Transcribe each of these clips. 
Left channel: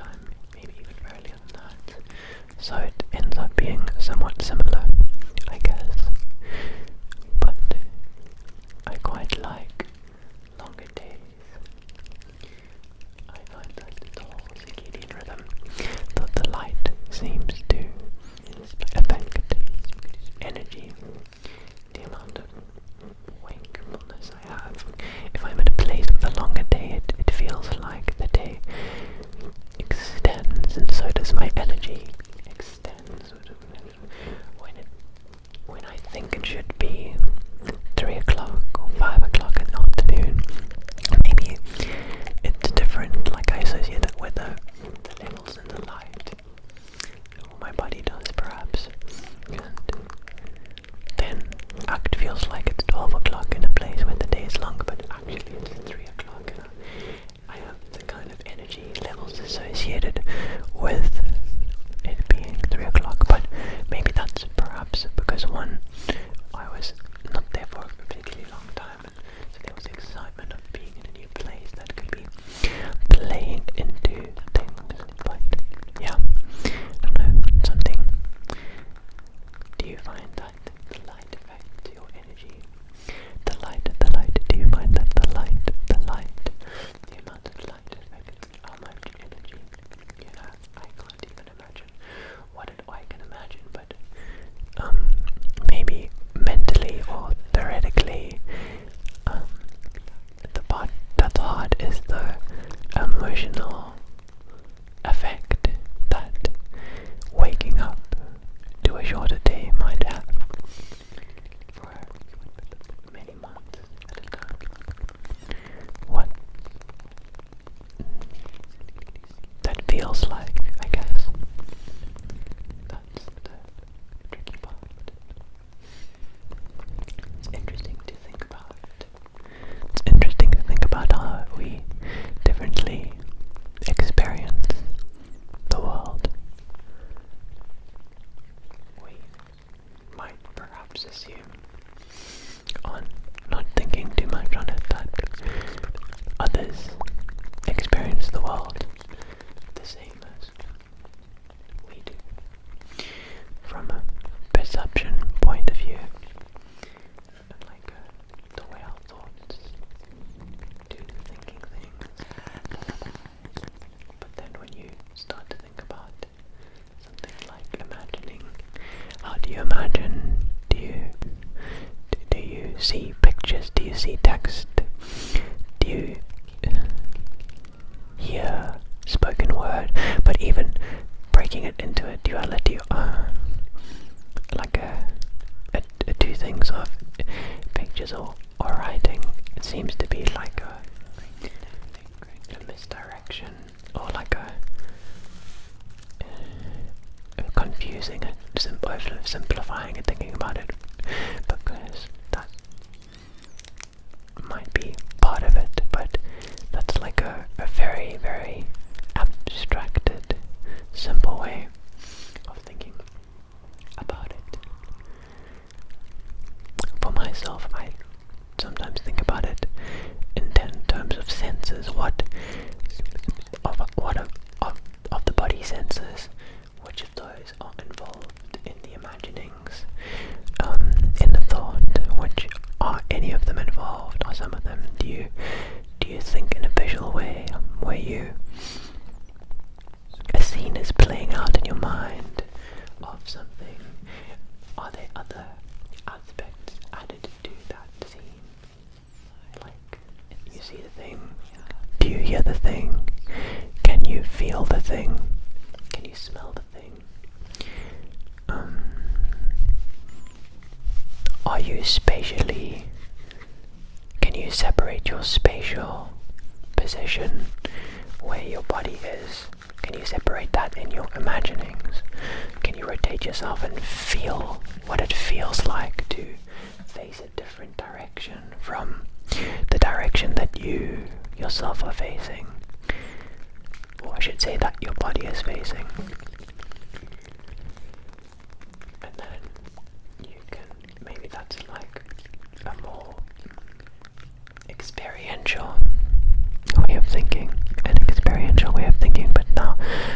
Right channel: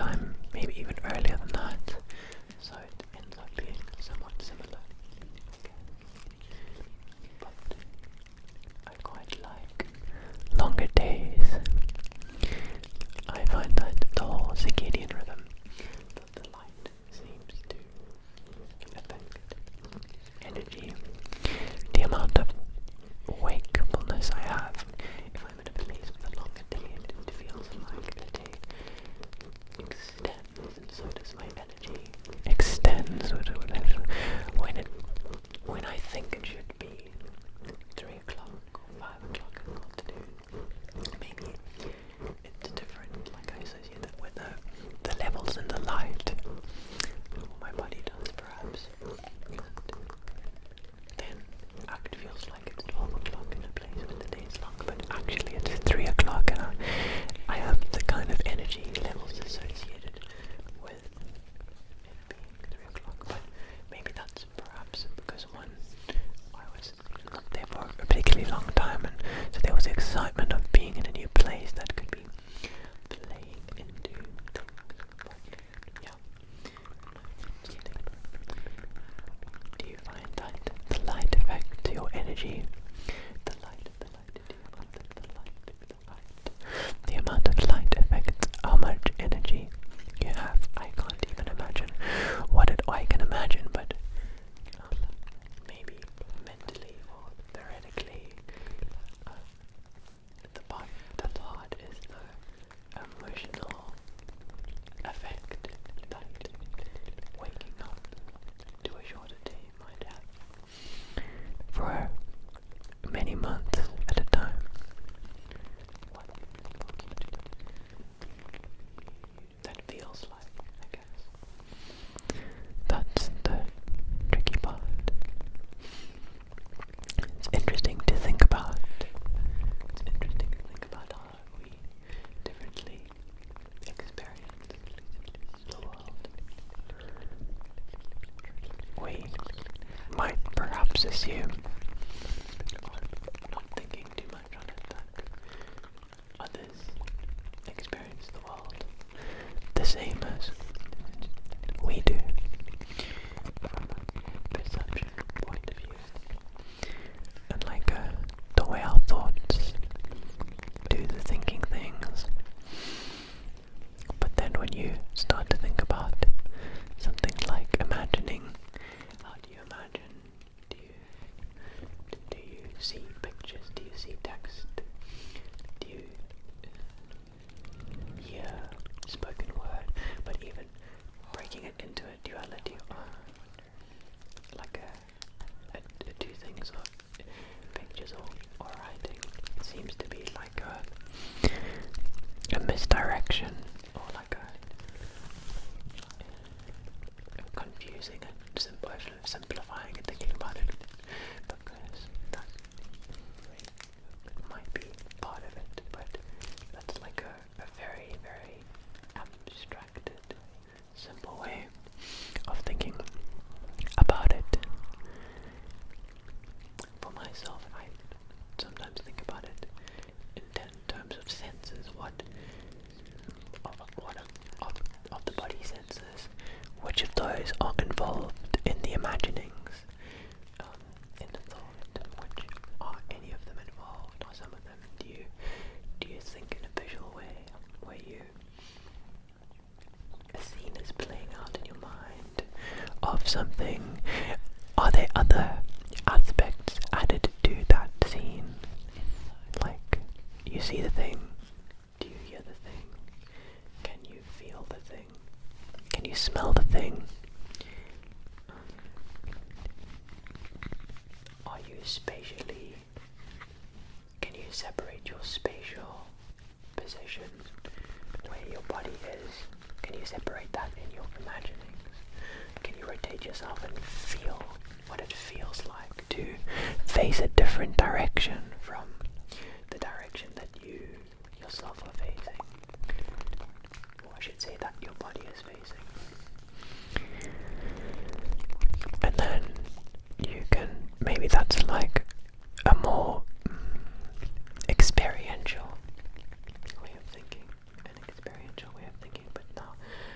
time, maybe even earlier than that. So it ends up being somewhat similar, I guess. But I quite like longer days. I find that the whole circadian rhythm, the light seems to affect energy, the amount of wakefulness I have. If I'm in a place with a longer day, it feels like the day extends, and so does my energy extends. When I think it should be 3 o'clock or 5 o'clock in the afternoon, maybe it's different. Like I associate that with the levels in the light, or my body does perhaps, and then it feels like it's 12 o'clock in a place where the day is longer, but actually it's 3 o'clock, and I have the kind of energy levels associated with it being 3 o'clock. But maybe that's perhaps because I was not there for a particularly long time, and so there was the excitement of being in a new place that could be playing into things. But yeah, I don't know, something. Do you find that the light affects your energy? The light, do you find that the amount of light affects how much energy you have? I can't even imagine what I can imagine, but maybe mentally or theoretically, the part that's hard is the emotional effect that waking up to a shorter day might have for many months at a time. What that feels like, I guess. That's the tricky part. It's interesting to think about. It's interesting to think about how we differently experience the world. We might perhaps assume, on not thinking too much on it, that others experience the world the same as we do, from a perception point of view, and like the way our thoughts do the thinking things. But then when you start to think about something like imagining, how do you imagine? Do you see pictures? Do you see text? Do you hear spoken word? But even breaking it into a duality, like two things of pictures or writing, it seems to be like a misdirection, or like confusing it, simplifying and thinking about it, because that might be part of it, but that's like a very, very abstracted, simple way of thinking about it. For myself, I sometimes think about it in terms of senses. What of the body senses, which of those are involved in the imaginings, in the thought? Which are any of them involved? Are some of them? Do you think in a visual way, where a scene is playing out in your mind of something? Are there other aspects added to that scene? Like, you see the thing, do you hear the thing? Can you feel the thing? Can you smell the thing? Are you spatially, can you separate your spatial position, where your body is? Can you separate that in your imaginings? Can you rotate yourself and feel what it feels like to face a different direction from the direction that you yourself are facing? Or I should say that your body is facing. And then you can, maybe that's like a more experiential way of thinking, but now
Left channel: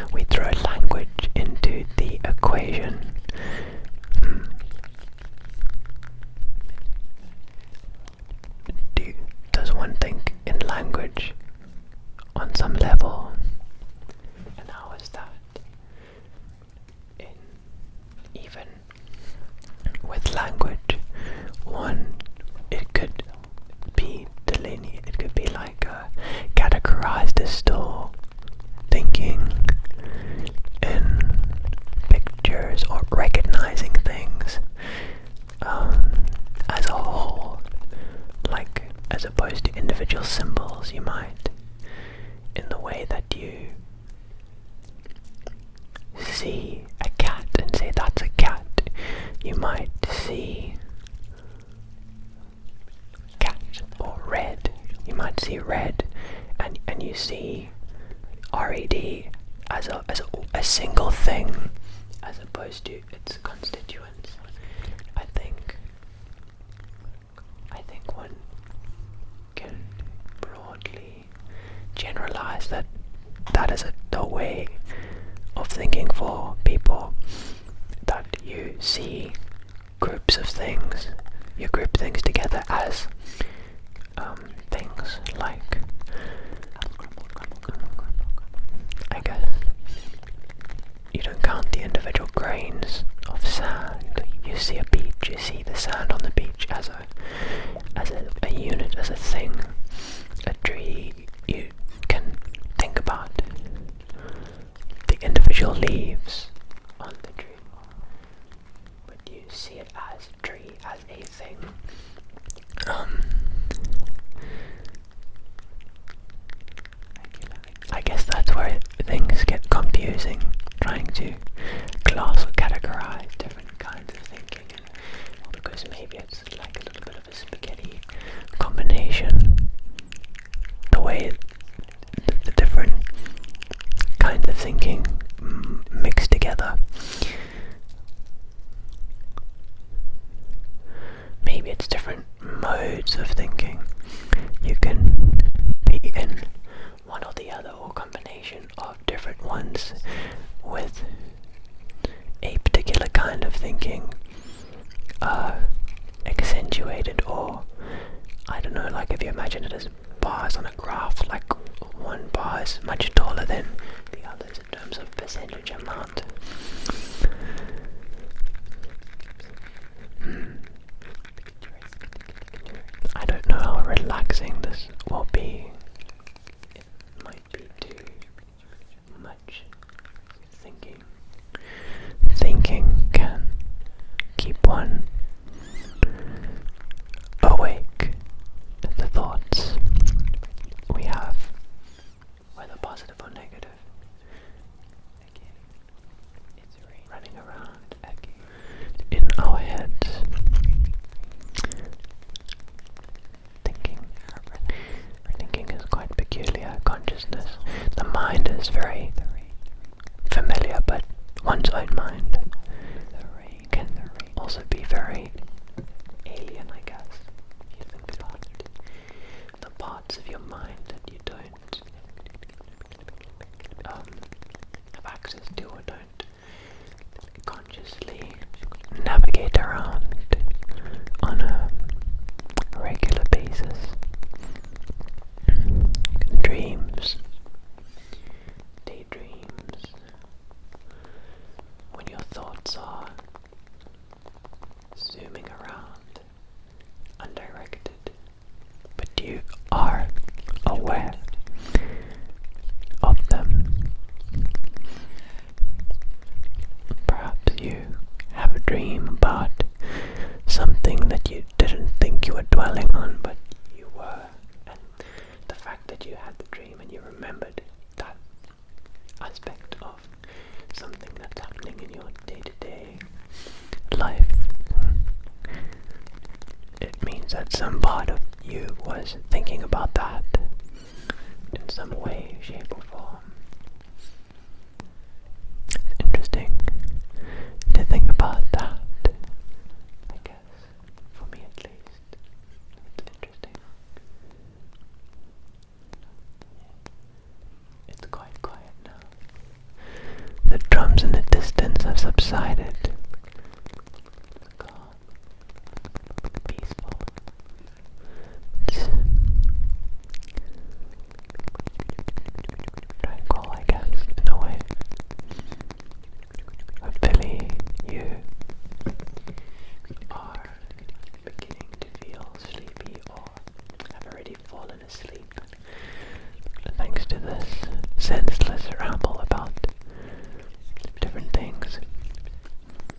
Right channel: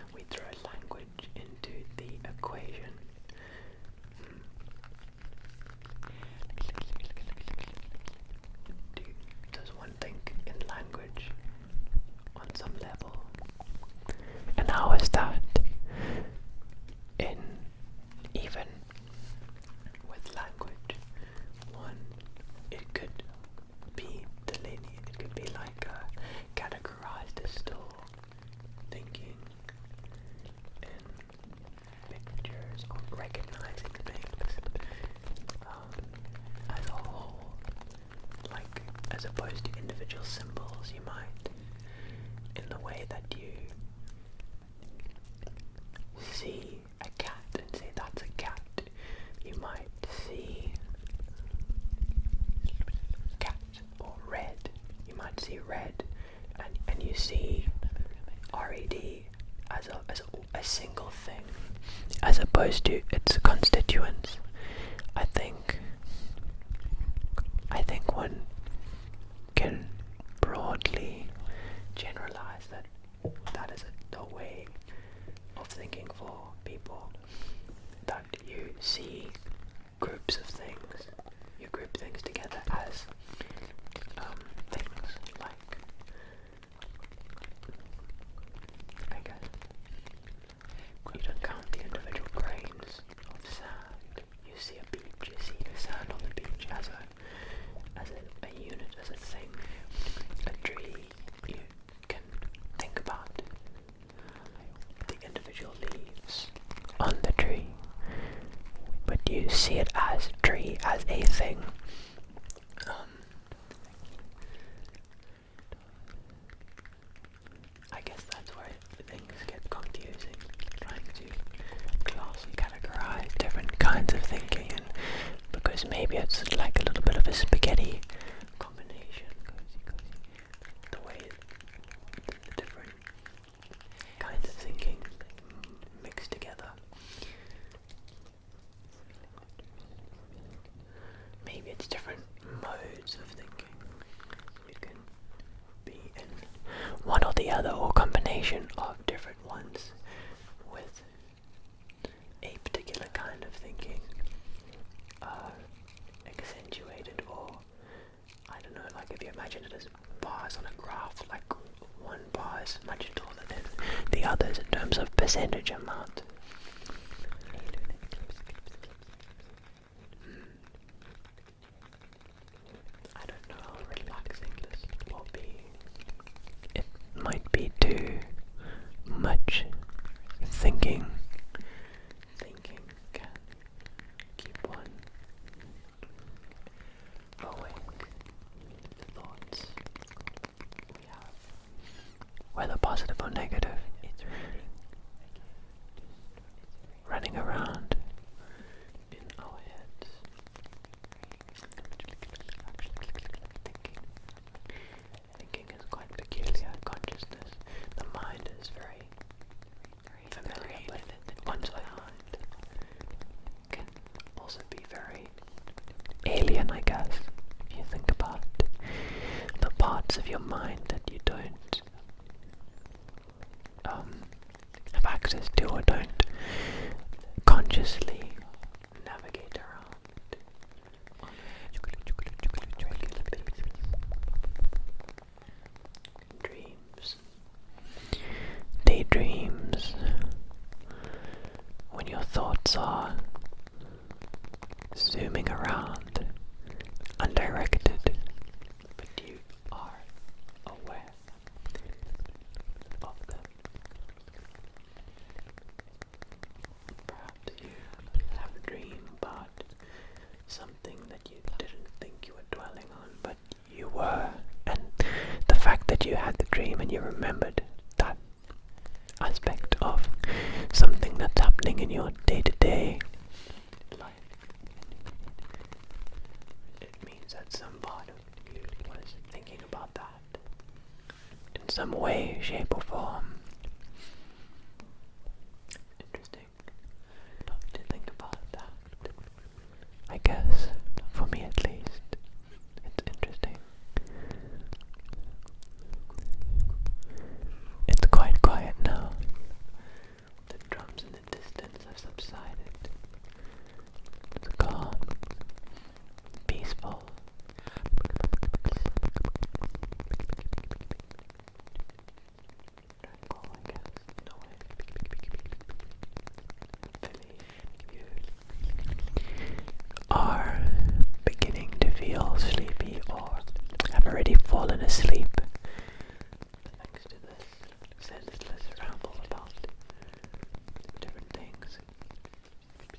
recognizing things as a whole, like as opposed to individual symbols. You might, in the way that you see a cat and say that's a cat, you might see cat or red. You might see red, and you see RED as a single thing, as opposed to its constituents. I think one can broadly generalize that is a way of thinking for people, that you see groups of things, you group things together as things like, I guess, you don't count the individual grains of sand. You see a beach, you see the sand on the beach as a unit, as a thing. A tree, you can think about the individual leaves on the tree, but you see it as tree, as a thing. I guess that's where things get confusing, trying to class or categorize different kinds of thinking, because maybe it's like a little bit of a spaghetti combination, the way the different kinds of thinking mixed together. Maybe it's different modes of thinking. You can be in one or the other, or combination of different ones, with a particular kind of thinking accentuated, or I don't know, like if you imagine it as bars on a graph, like one bar is much taller than the others in terms of percentage amount. I don't know how relaxing this will be. It might be too much thinking. Thinking can keep one awake. The thoughts we have, whether positive or negative, running around in our heads. Thinking is quite peculiar. Consciousness, the mind is very familiar, but one's own mind can also be very alien, I guess, if you think about it. The parts of your mind that you don't have access to, or don't consciously navigate around on a regular basis. Dreams, daydreams, when your thoughts are zooming around, undirected, but you are aware of them. Perhaps you have a dream about something that you didn't think you were dwelling on, but you were, and the fact that you had the dream and you remembered that aspect of something that's happening in your day-to-day life, it means that some part of you was thinking about that in some way, shape or form. It's interesting to think about that, I guess, for me at least. It's interesting. It's quite quiet now. The drums in the distance have subsided. It's calm, peaceful. It's tranquil, I guess, in a way. Hopefully you are beginning to feel sleepy, or have already fallen asleep, thanks to this senseless ramble about different things.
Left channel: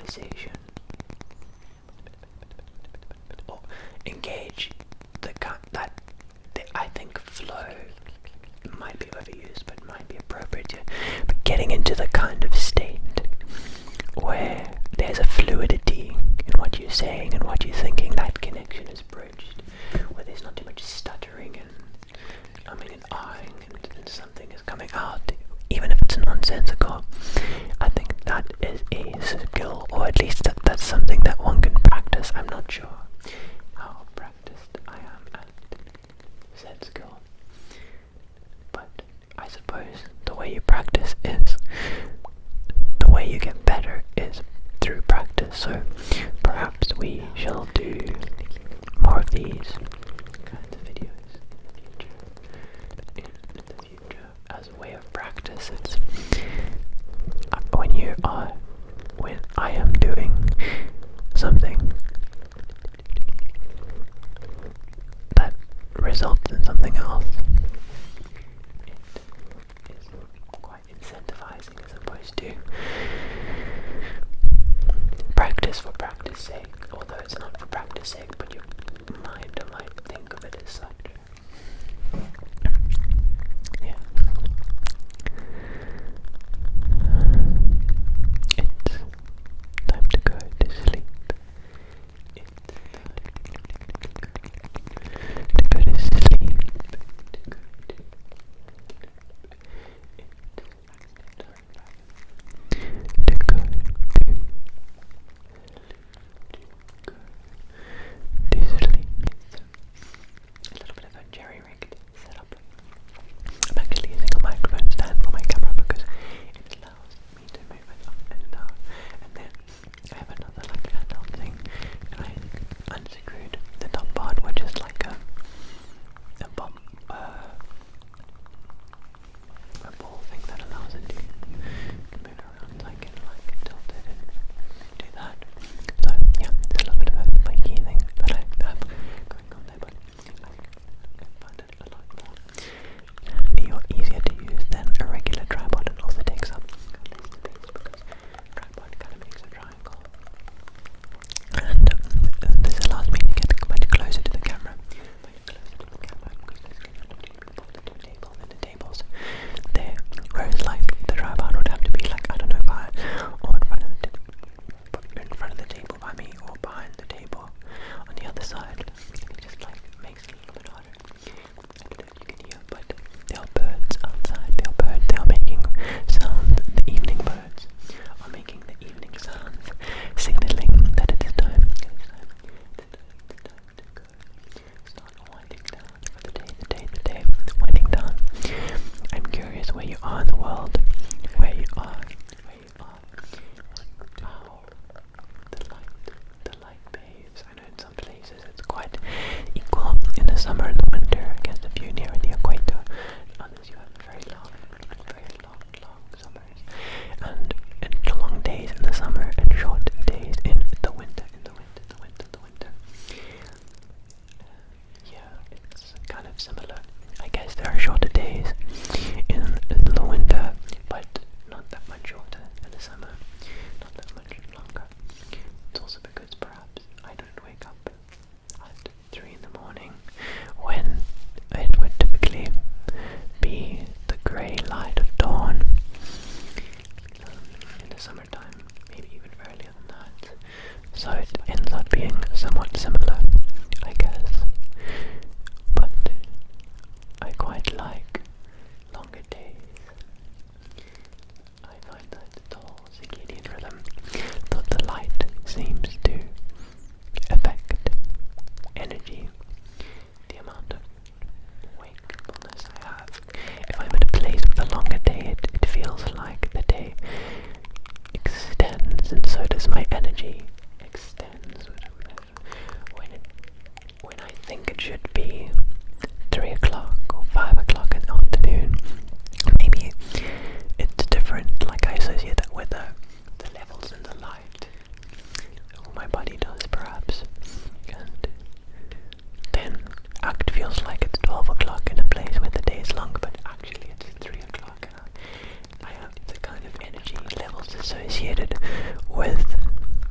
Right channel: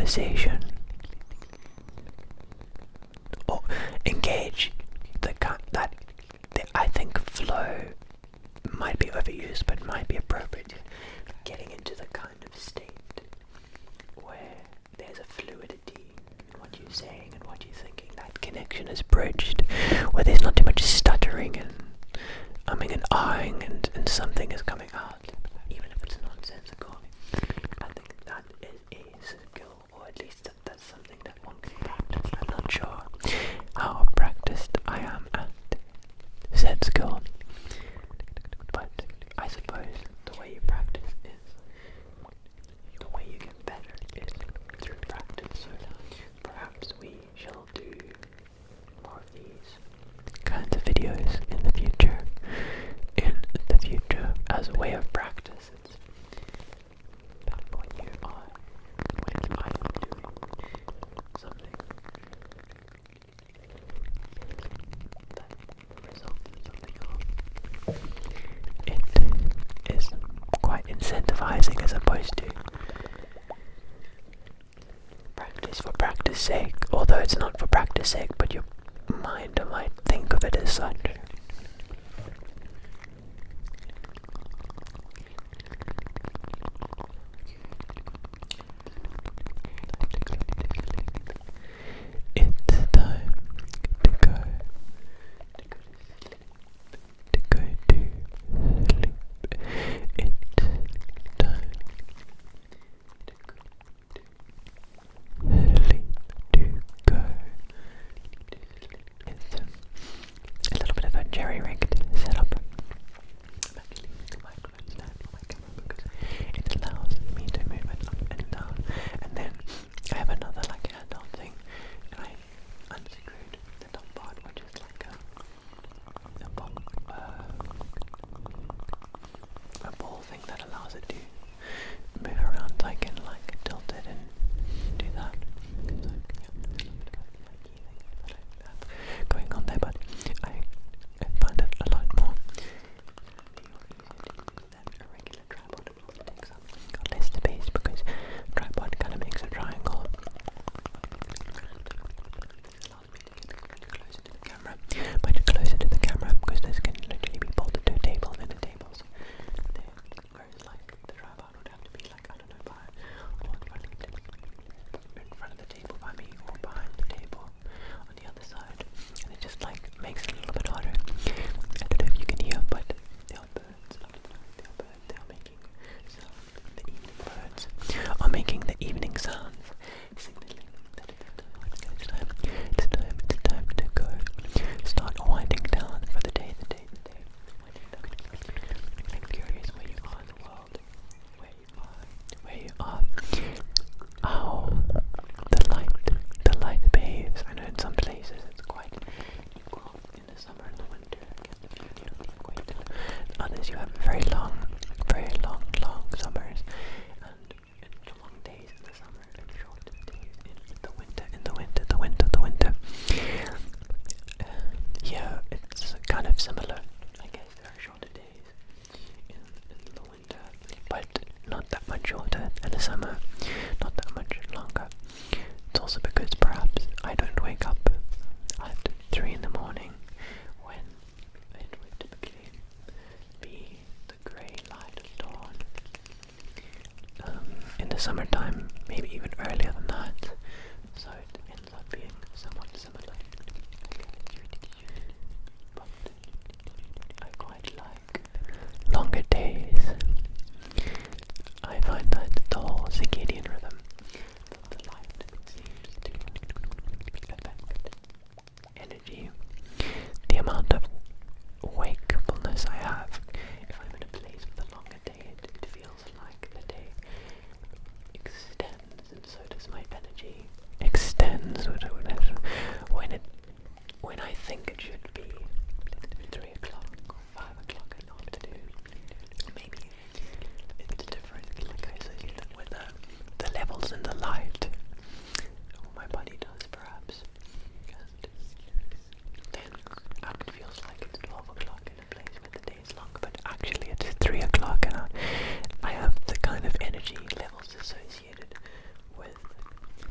conversation or engage that I think flow might be overused but might be appropriate, but getting into the kind of state where there's a fluidity in what you're saying and what you're thinking, that connection is bridged, where there's not too much stuttering and umming and ahhing and something is coming out, even if it's nonsensical. I think that is a skill, or at least that's something that one can practice. I'm not sure how practiced I am at said skill, but I suppose the way you practice is, the way you get better is through practice. So perhaps we shall do more of these kinds of videos in the future. As a way of practice. It's when I am doing something that results in something else, it is quite incentivizing as opposed to practice for practice sake, although it's not for practice sake, but your mind might think of it as such. Summertime, maybe even earlier than that, so it ends up being somewhat similar, I guess, but I quite like longer days. I find that the whole circadian rhythm, the light seems to affect energy, the amount of wakefulness I have. If I'm in a place with a longer day, it feels like the day extends, and so does my energy extends. When I think it should be 3 o'clock or 5 o'clock in the afternoon, maybe it's different, like I associate it with the levels in the light, or my body does perhaps, and then it feels like it's 12 o'clock in a place where the day is longer, but actually it's 3 o'clock, and I have the kind of energy levels associated with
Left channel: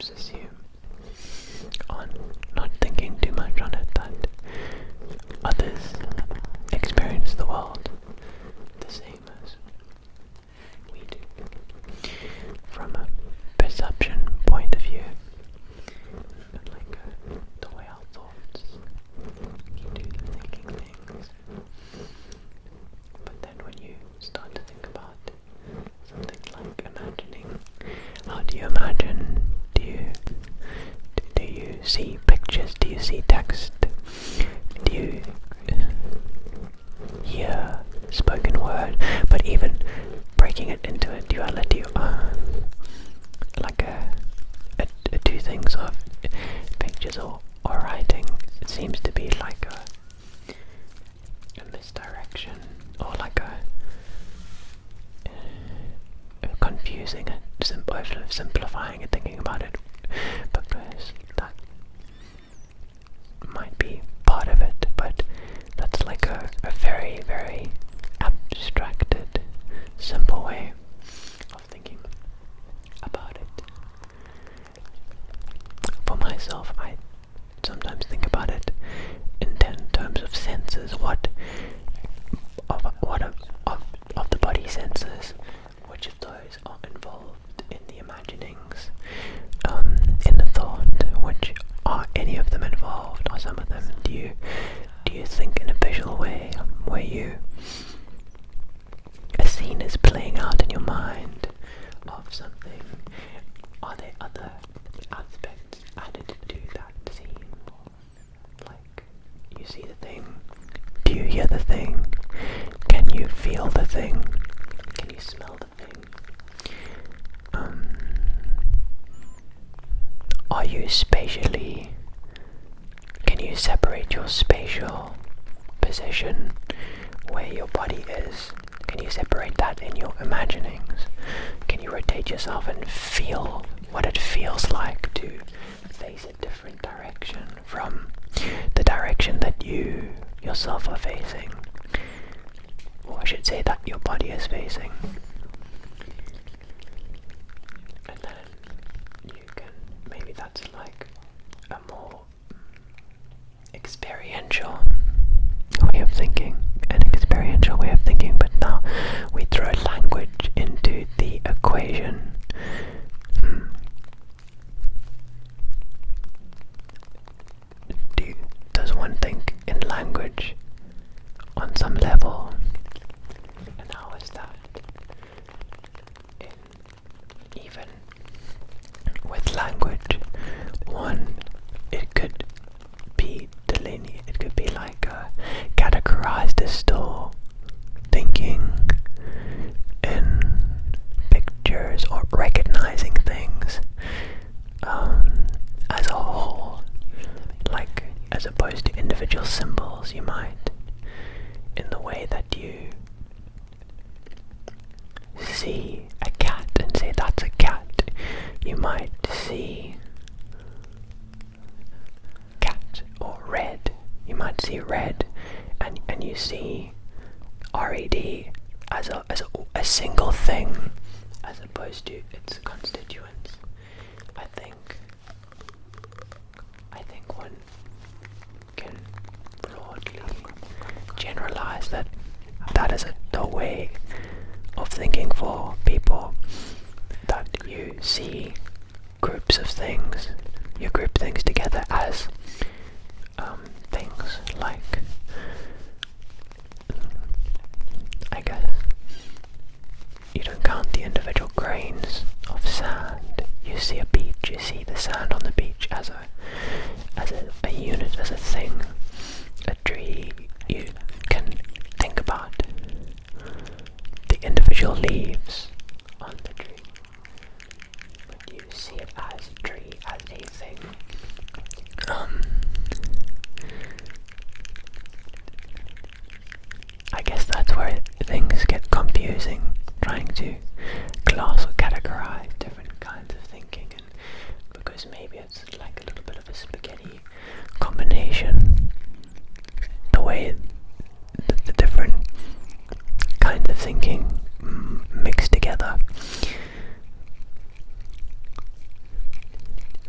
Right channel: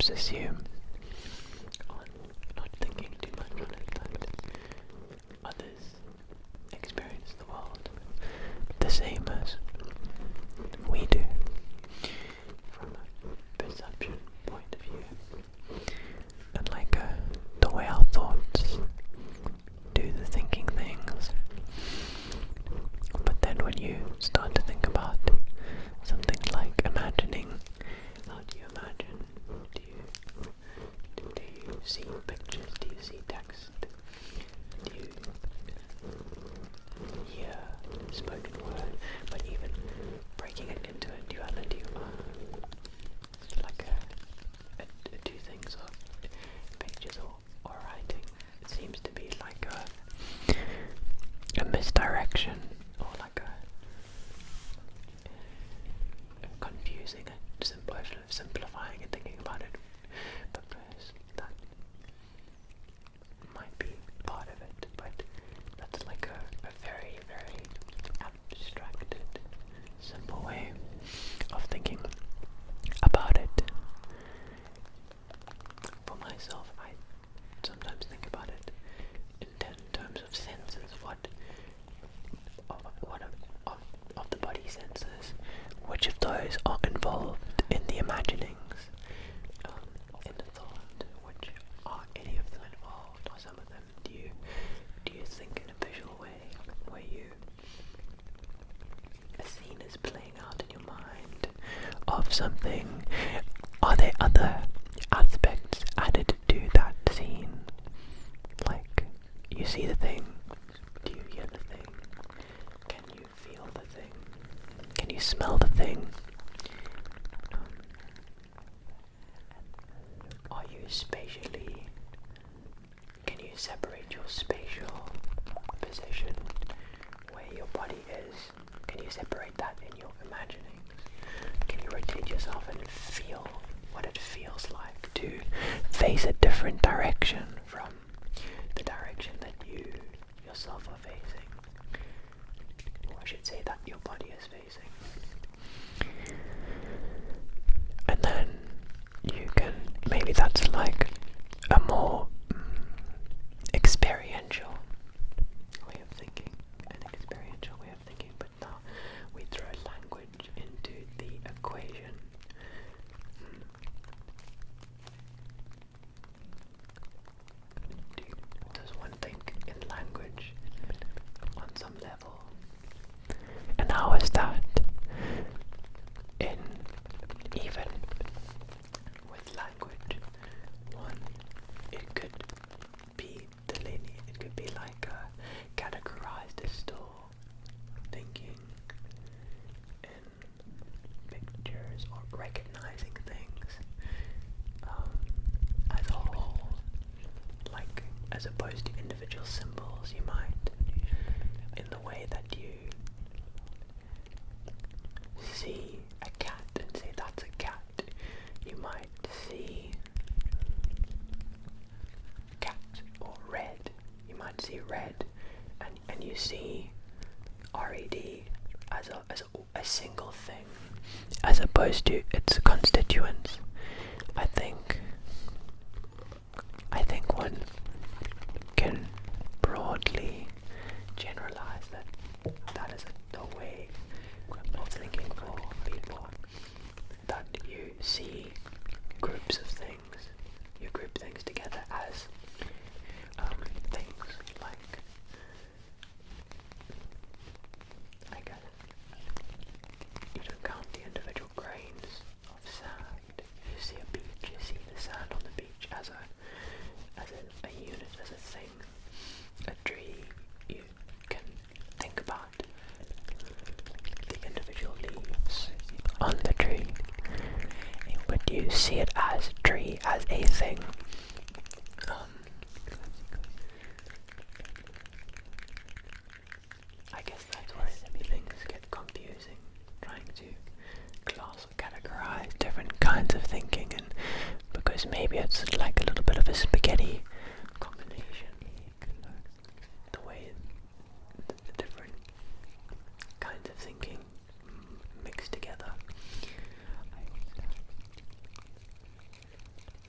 perhaps assume on not thinking too much on it that others experience the world the same as we do, from a perception point of view, and like the way our thoughts do the thinking things. But then when you start to think about something like imagining, how do you imagine? Do you see pictures? Do you see text? Do you hear spoken word? But even breaking it into a duality, like two things of pictures or writing, it seems to be like a misdirection, or like a confusing it, simplifying and thinking about it, because that might be part of it, but that's like a very, very abstracted, simple way of thinking about it. For myself, I sometimes think about it in terms of senses. What of the body senses, which of those are involved in the imaginings, in the thought? Which are any of them involved? Are some of them? Do you think in a visual way, where a scene is playing out in your mind of something? Are there other aspects added to that scene? Like, you see the thing, do you hear the thing? Can you feel the thing? Can you smell the thing? Are you spatially, can you separate your spatial position where your body is? Can you separate that in your imaginings? Can you rotate yourself and feel what it feels like to face a different direction from the direction that you yourself are facing? Or I should say that your body is facing. And then you can, maybe that's like a more experiential way of thinking, but now we throw language into the equation. Does one think in language on some level? And how is that? Even with language, it could be delineated, it could be like categorized as still thinking in pictures or recognizing things as a whole, like as opposed to individual symbols. You might, in the way that you see a cat and say that's a cat, you might see cat or red. You might see red, and you see RED as a single thing, as opposed to its constituents. I think one can broadly generalize that is the way of thinking for people, that you see groups of things, you group things together as things like, I guess, you don't count the individual grains of sand. You see a beach, you see the sand on the beach as a unit, as a thing. A tree, you can think about the individual leaves on the tree, but you see it as a tree, as a thing. I guess that's where things get confusing, trying to class or categorize different kinds of thinking, and because maybe it's like a little bit of a spaghetti combination, the way the different kinds of thinking mixed together.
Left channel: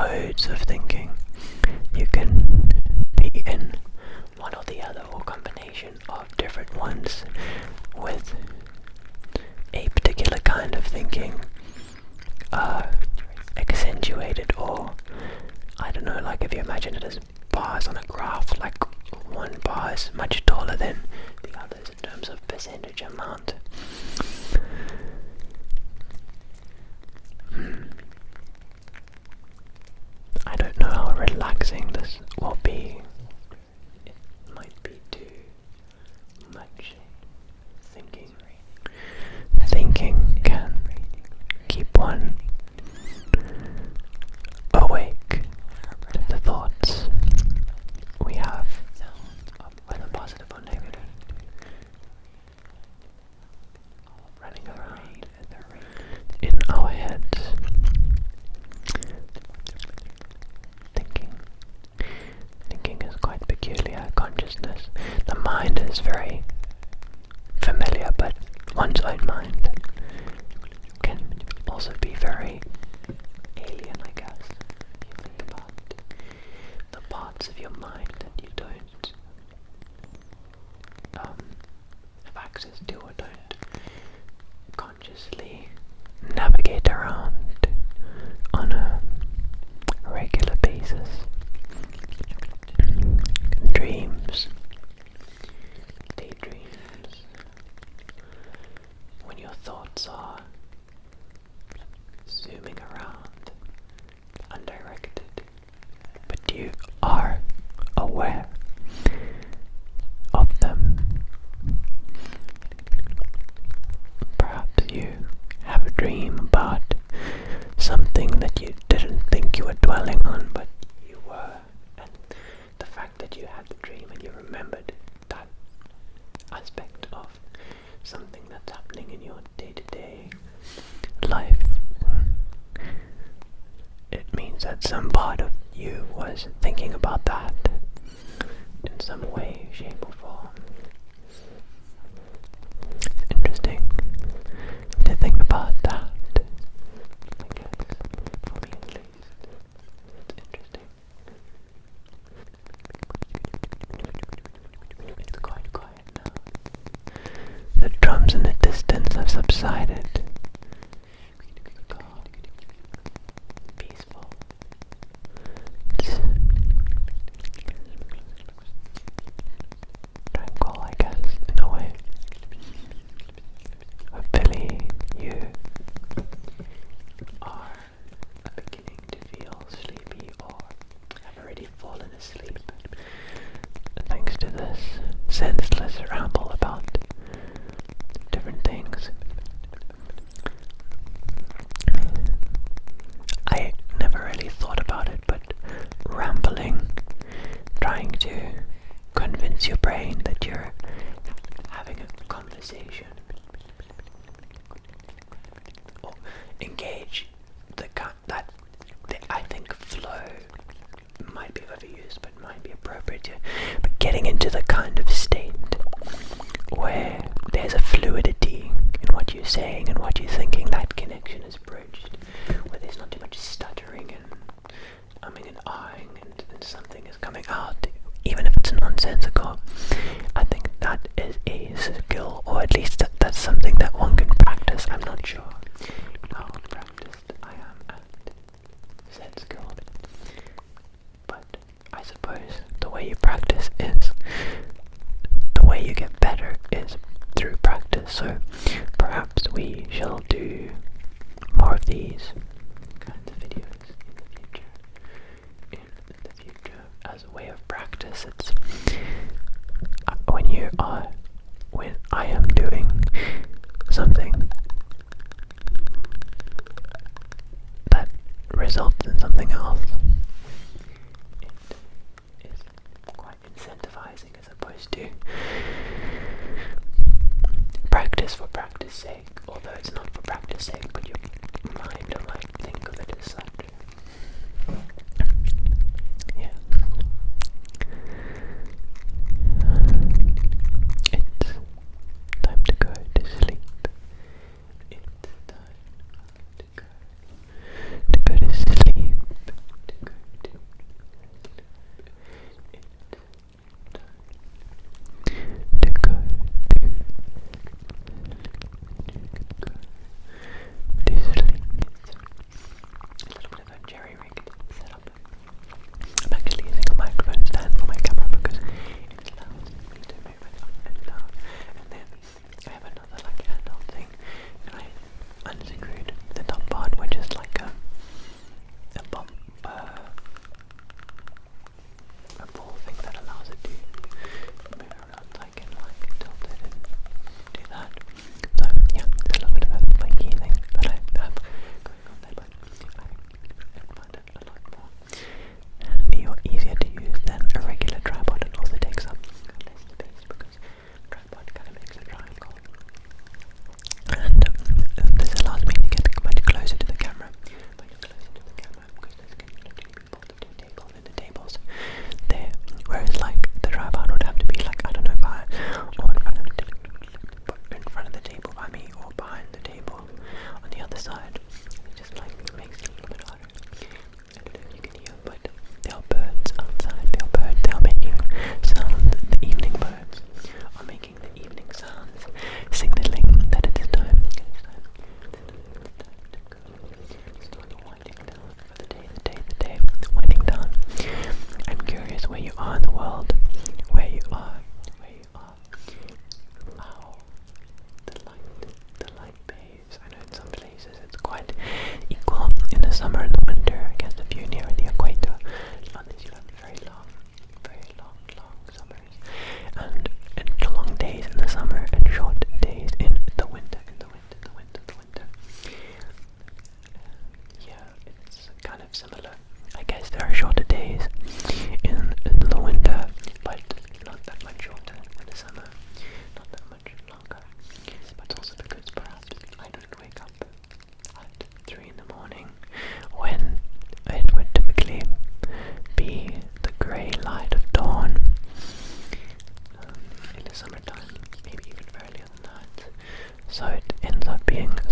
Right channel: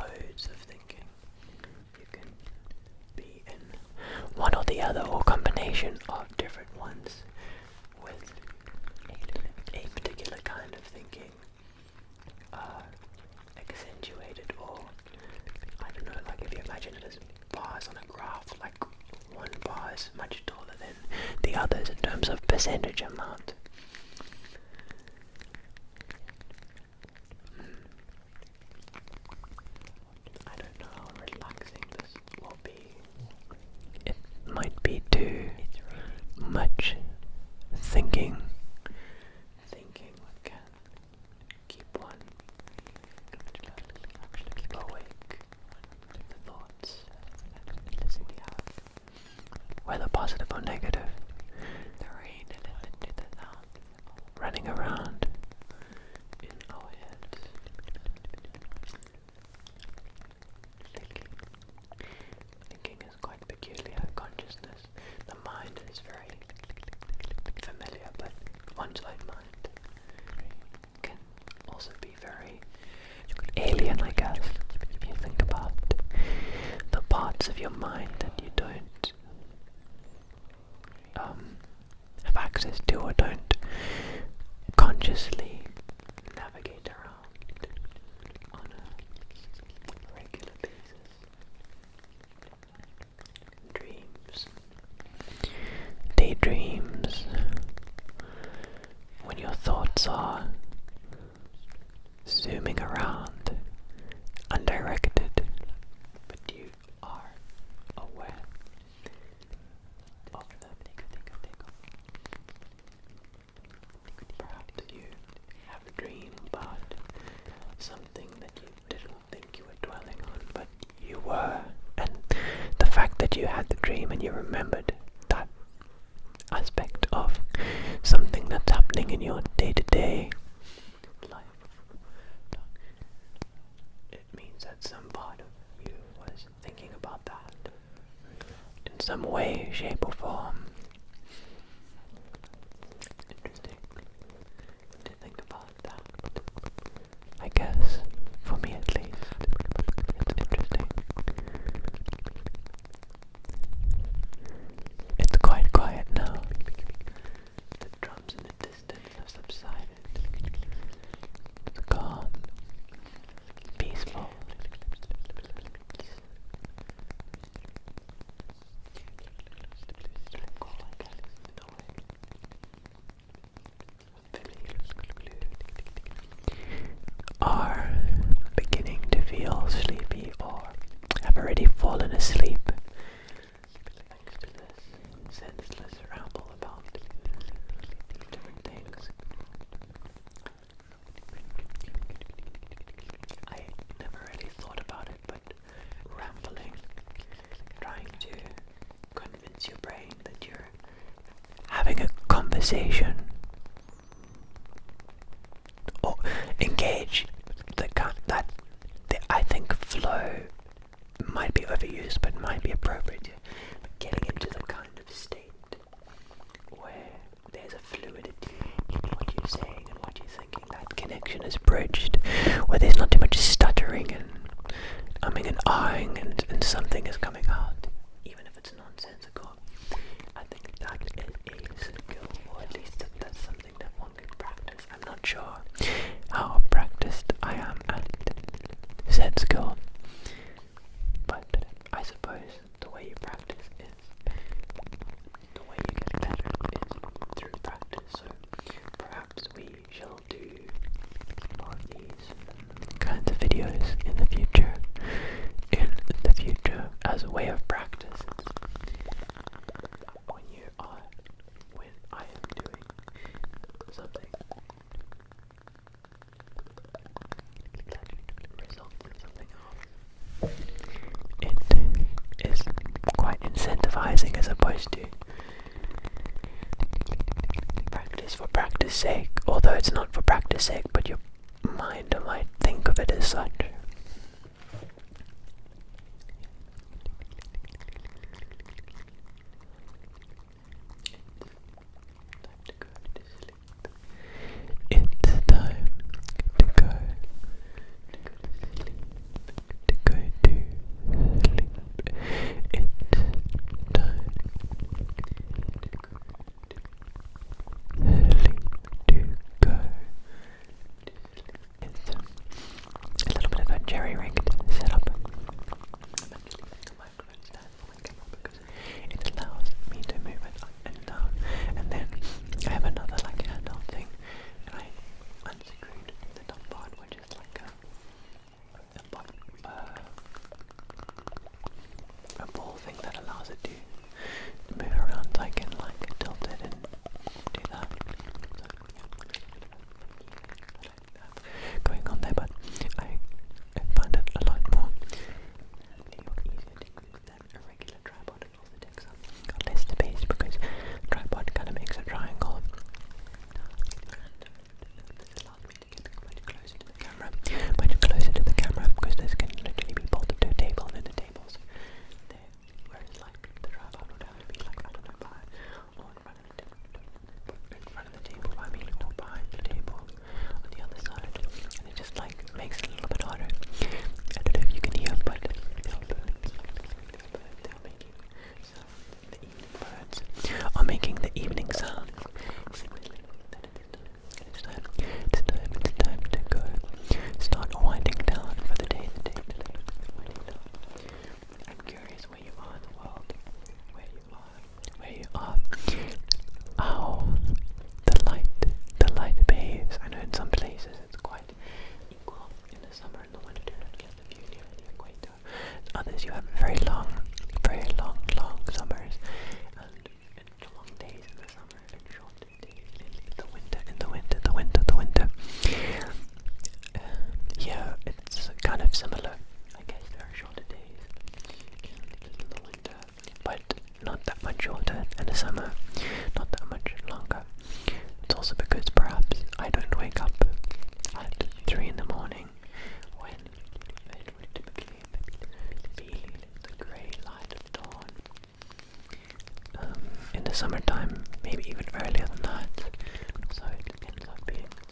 modes of thinking. You can be in one or the other, or combination of different ones, with a particular kind of thinking accentuated, or I don't know, like if you imagine it as bars on a graph, like one bar is much taller than the others in terms of percentage amount. I don't know how relaxing this will be. It might be too much thinking. Thinking can keep one awake. The thoughts we have, whether positive or negative, running around in our heads. Thinking is quite peculiar consciousness. The mind is very familiar, but one's own mind can also be very alien, I guess. If you think about the parts of your mind that you don't have access to, or don't consciously navigate around on a regular basis. Dreams, daydreams, when your thoughts are zooming around, undirected, but you are aware of them. Perhaps you have a dream about something that you didn't think you were dwelling on, but you were, and the fact that you had the dream and you remembered that aspect of something that's happening in your day-to-day life, it means that some part of you was thinking about that in some way, shape or form. Interesting to think about that, I guess, for me at least. It's interesting. It's quite quiet now. The drums in the distance have subsided. It's calm, peaceful. It's tranquil, I guess, in a way. Hopefully you are beginning to feel sleepy, or have already fallen asleep thanks to this senseless ramble about different things. I never really thought about it, but rambling, trying to convince your brain that you're having a conversation, or engage I think flow might be overused, but might be appropriate. But getting into the kind of state where there's a fluidity in what you're saying and what you're thinking, that connection is bridged, where there's not too much stuttering and umming and ahhing, and something is coming out, even if it's nonsensical. I think that is a skill, or at least that's something that one can practice. I'm not sure how practiced I am at said skill, but I suppose the way you practice is, the way you get better is through practice. So perhaps we shall do more of these kinds of videos in the future. As a way of practice, it's when I am doing something that results in something else, it is quite incentivizing, as opposed to practice for practice sake, although it's not for practice sake, but your mind might think of it as such. Yeah. It's time to go to sleep. It's time to go to sleep, to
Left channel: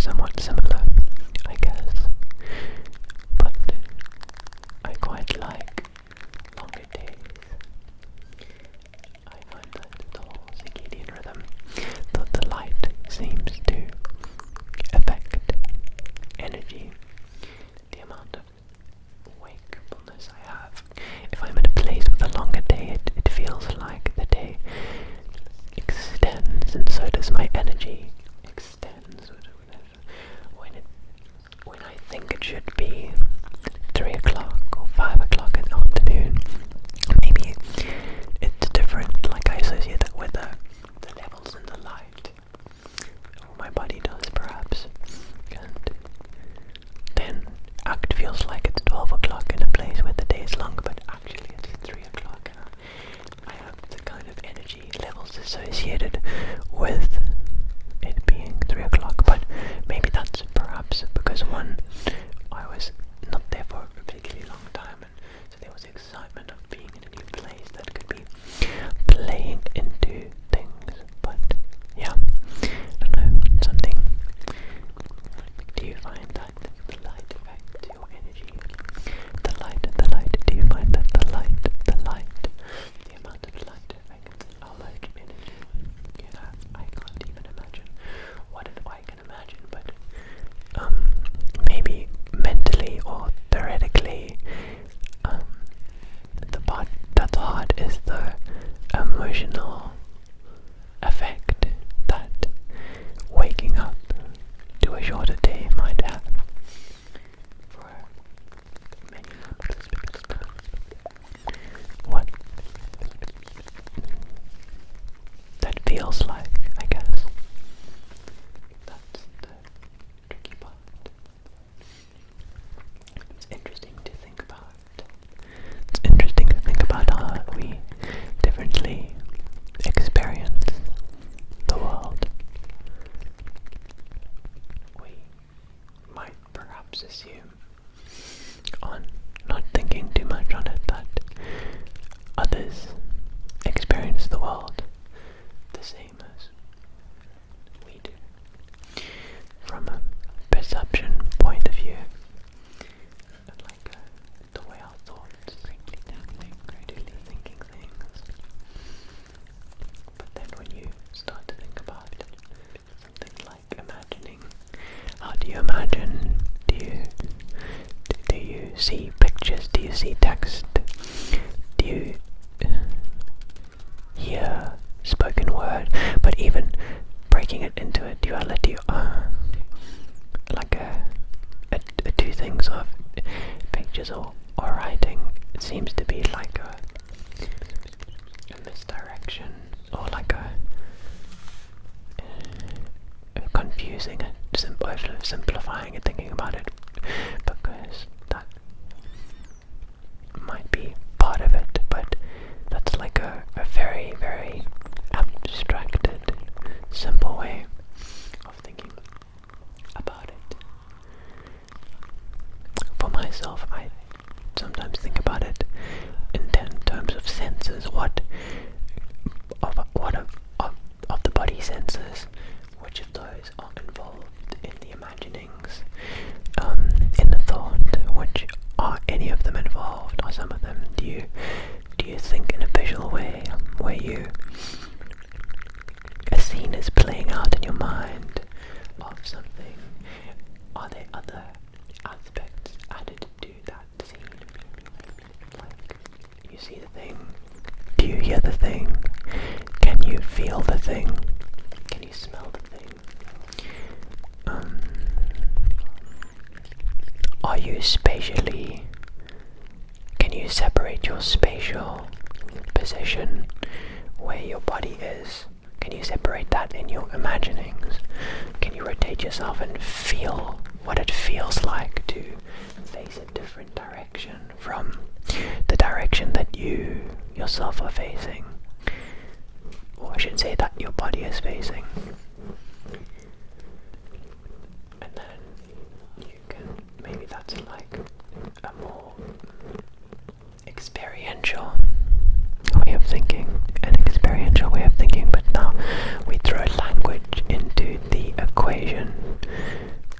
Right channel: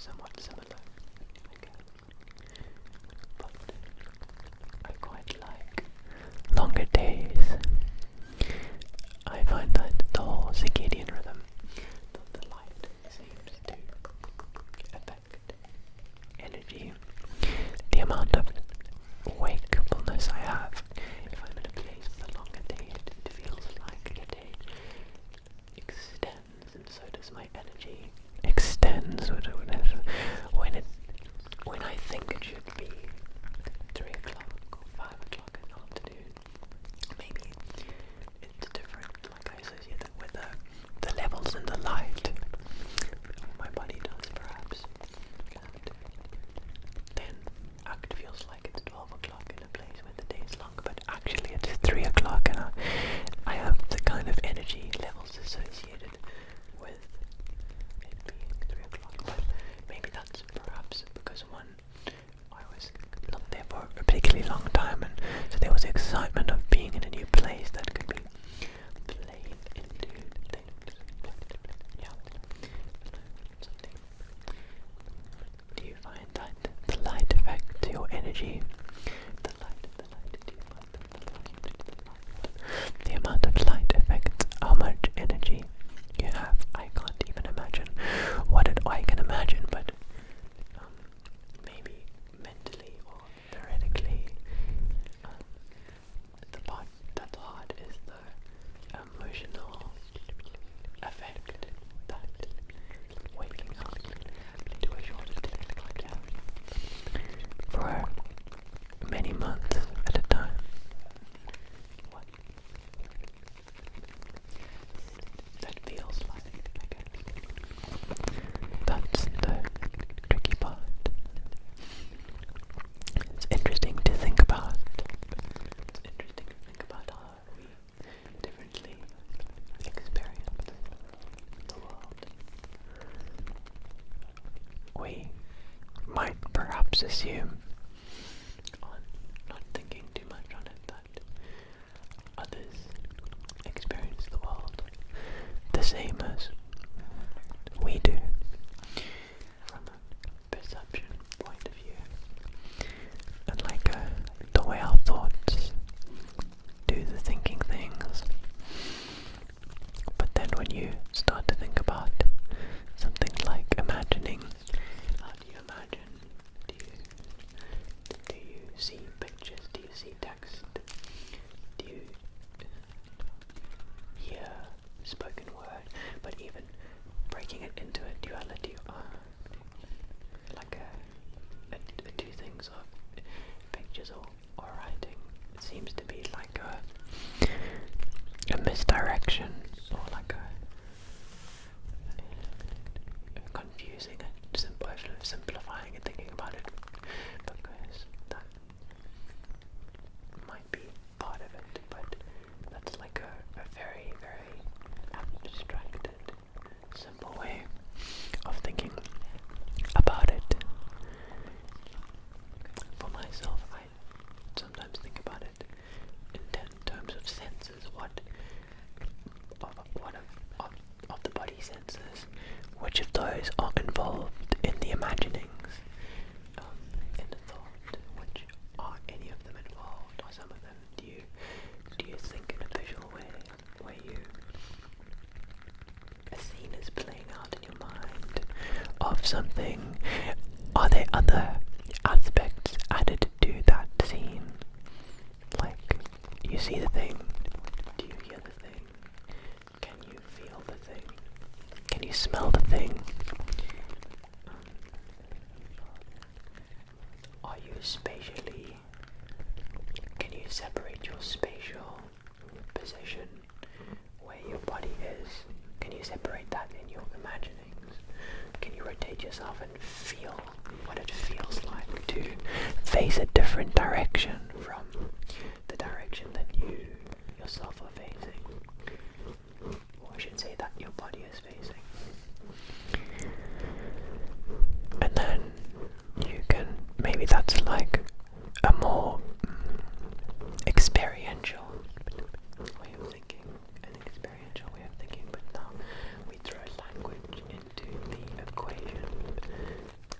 somewhat similar, I guess. But I quite like longer days. I find that the whole circadian rhythm, the light seems to affect energy, the amount of wakefulness I have. If I'm in a place with a longer day, it feels like the day extends, and so does my energy extends. When I think it should be 3 o'clock or 5 o'clock in the afternoon, maybe it's different. Like I associate that with the levels in the light, or my body does perhaps, and then it feels like it's 12 o'clock in a place where the day is longer, but actually it's 3 o'clock, and I have the kind of energy levels associated with it being 3 o'clock. But maybe that's perhaps because I was not there for a particularly long time, and so there was the excitement of being in a new place that could be playing into things. But yeah, I don't know, something. Do you find that the light affects your energy? The light, do you find that the amount of light affects how much energy you have? I can't even imagine I can imagine, but maybe mentally or theoretically, the part that's hard is the emotional effect that waking up to a shorter day might have for many months at a time. What that feels like, I guess. That's the tricky part. It's interesting to think about. How we differently experience the world. We might perhaps assume, on not thinking too much on it, that others experience the world the same as we do, from a perception point of view, and like the way our thoughts do the thinking things. But then when you start to think about something like imagining, how do you imagine? Do you see pictures? Do you see text? Do you hear spoken word? But even breaking it into a duality, like two things of pictures or writing, it seems to be like a misdirection, or like confusing it, simplifying it, thinking about it, because that might be part of it, but that's like a very, very abstracted, simple way of thinking about it. For myself, I sometimes think about it in terms of senses. What of the body senses, which of those are involved in the imaginings, in the thought? Which are any of them involved? Are some of them? Do you think in a visual way, where a scene is playing out in your mind of something? Are there other aspects added to that scene? Like, you see the thing, do you hear the thing? Can you feel the thing? Can you smell the thing? Are you spatially, can you separate your spatial position, where your body is? Can you separate that in your imaginings? Can you rotate yourself and feel what it feels like to face a different direction from the direction that you yourself are facing? Or I should say that your body is facing. And then you can, maybe that's like a more experiential way of thinking, but now we throw language into the equation,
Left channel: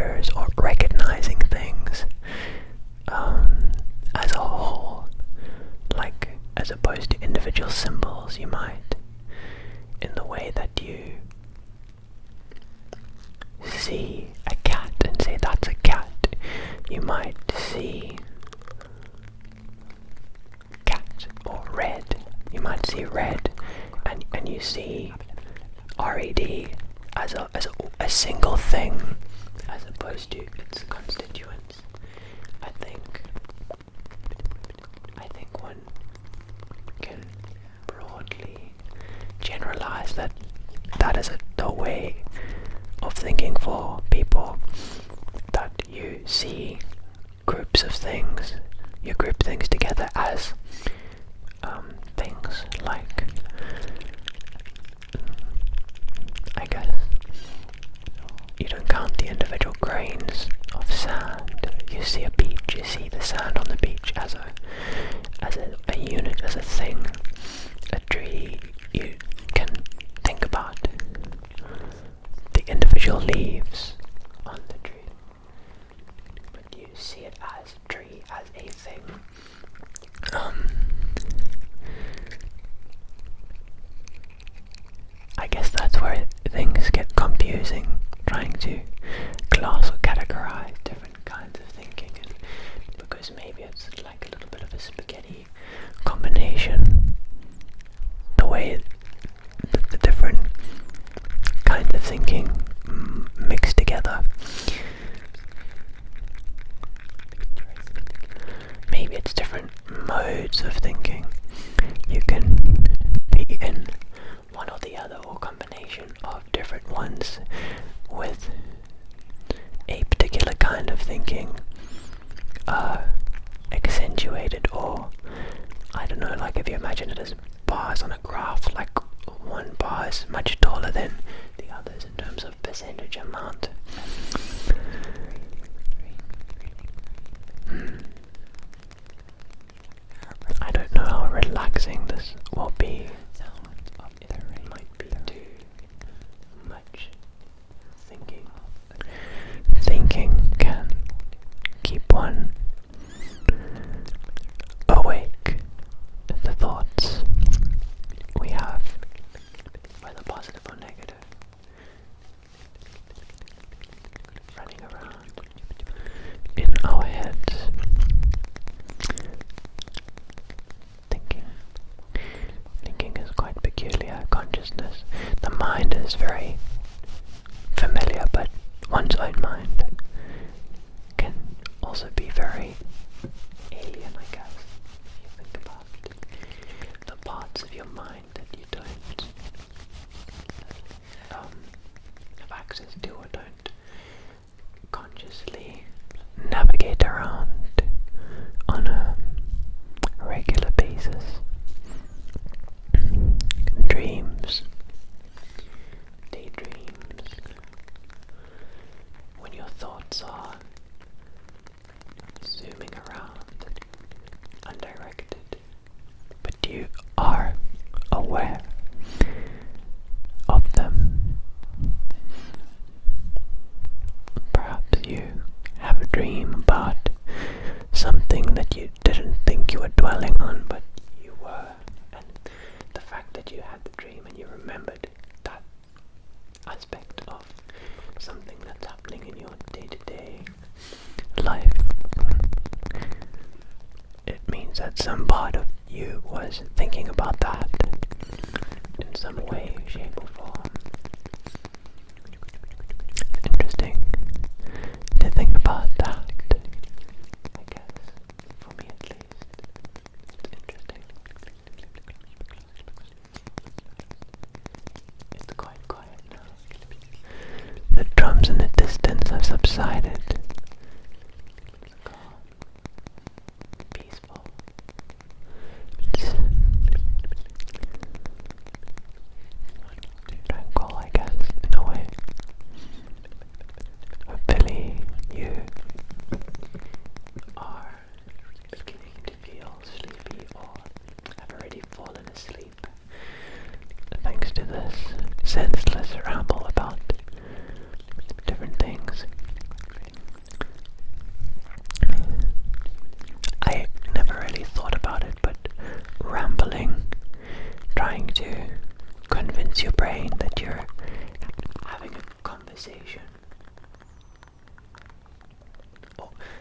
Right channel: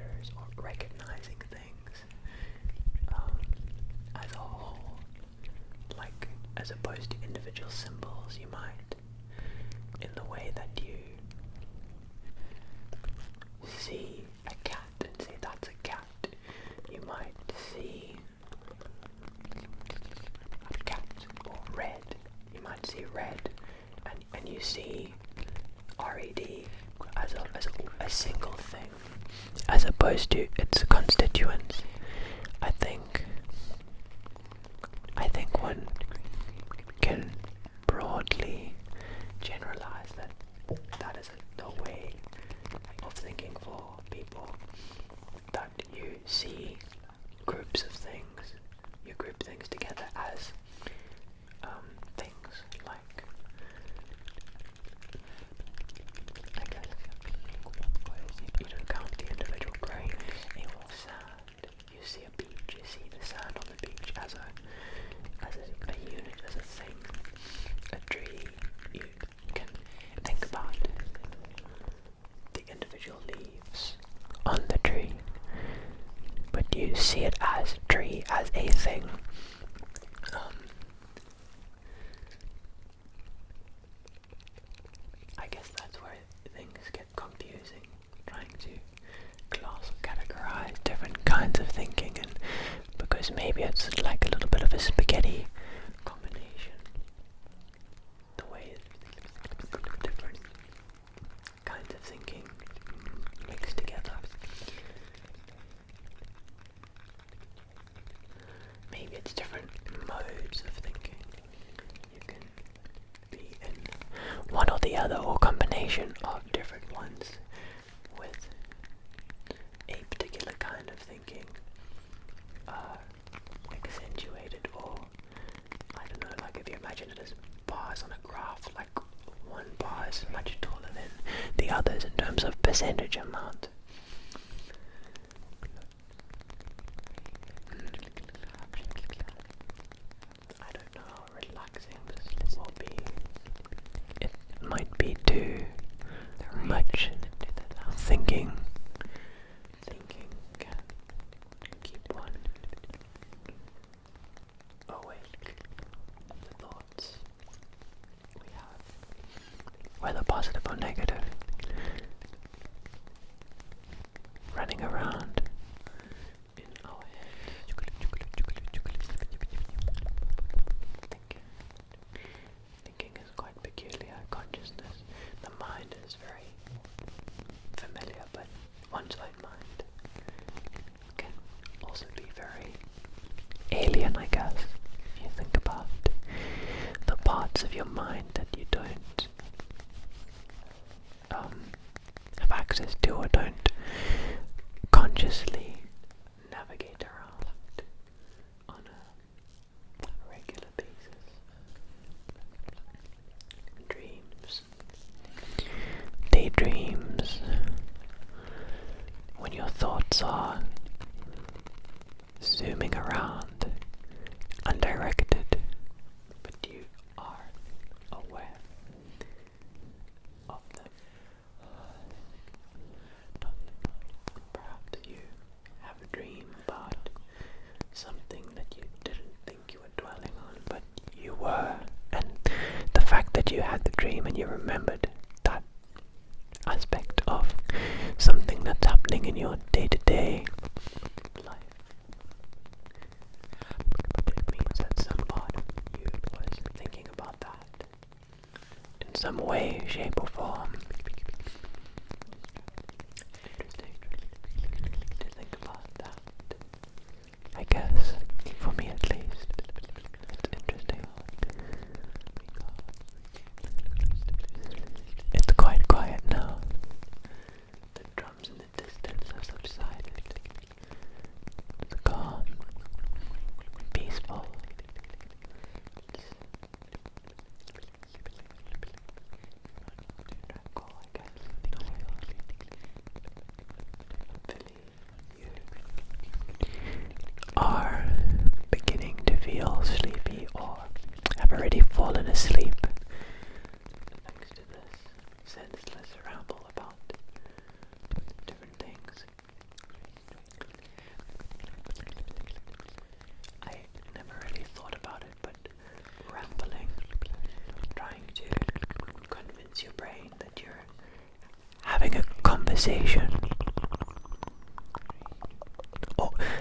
gestures or recognizing things as a whole, like as opposed to individual symbols. You might, in the way that you see a cat and say that's a cat, you might see cat or red. You might see red and you see RED as a single thing as opposed to its constituents. I think one can broadly generalize that is the way of thinking for people, that you see groups of things, you group things together as things like, I guess, you don't count the individual grains of sand. You see a beach, you see the sand on the beach as a unit, as a thing. A tree, you can think about the individual leaves on the tree, but you see it as tree, as a thing. I guess that's where things get confusing, trying to class or categorize different kinds of thinking, and because maybe it's like a little bit of a spaghetti combination, the way the different kinds of thinking mixed together. Maybe it's different modes of thinking. You can be in one or the other, or combination of different ones, with a particular kind of thinking accentuated, or I don't know, like if you imagine it as bars on a graph, like one bar is much taller than the others in terms of percentage amount. I don't know how relaxing this will be. It might be too much thinking. Thinking can keep one awake. The thoughts we have, whether positive or negative, running around in our heads. Thinking is quite peculiar. Consciousness, the mind is very familiar, but one's own mind can also be very alien, I guess. You think about the parts of your mind that you don't have access to, or don't consciously navigate around on a regular basis. Dreams, daydreams, when your thoughts are zooming around, undirected, but you are aware of them. Perhaps you have a dream about something that you didn't think you were dwelling on, but you were, and the fact that you had the dream and you remembered that aspect of something that's happening in your day-to-day life, it means that some part of you was thinking about that in some way, shape or form. Interesting to think about that, I guess, for me at least. It's interesting. It's quite quiet now. The drums in the distance have subsided. It's calm, peaceful. It's tranquil, I guess, in a way. Hopefully you are beginning to feel sleepy, or have already fallen asleep thanks to this senseless ramble about different things.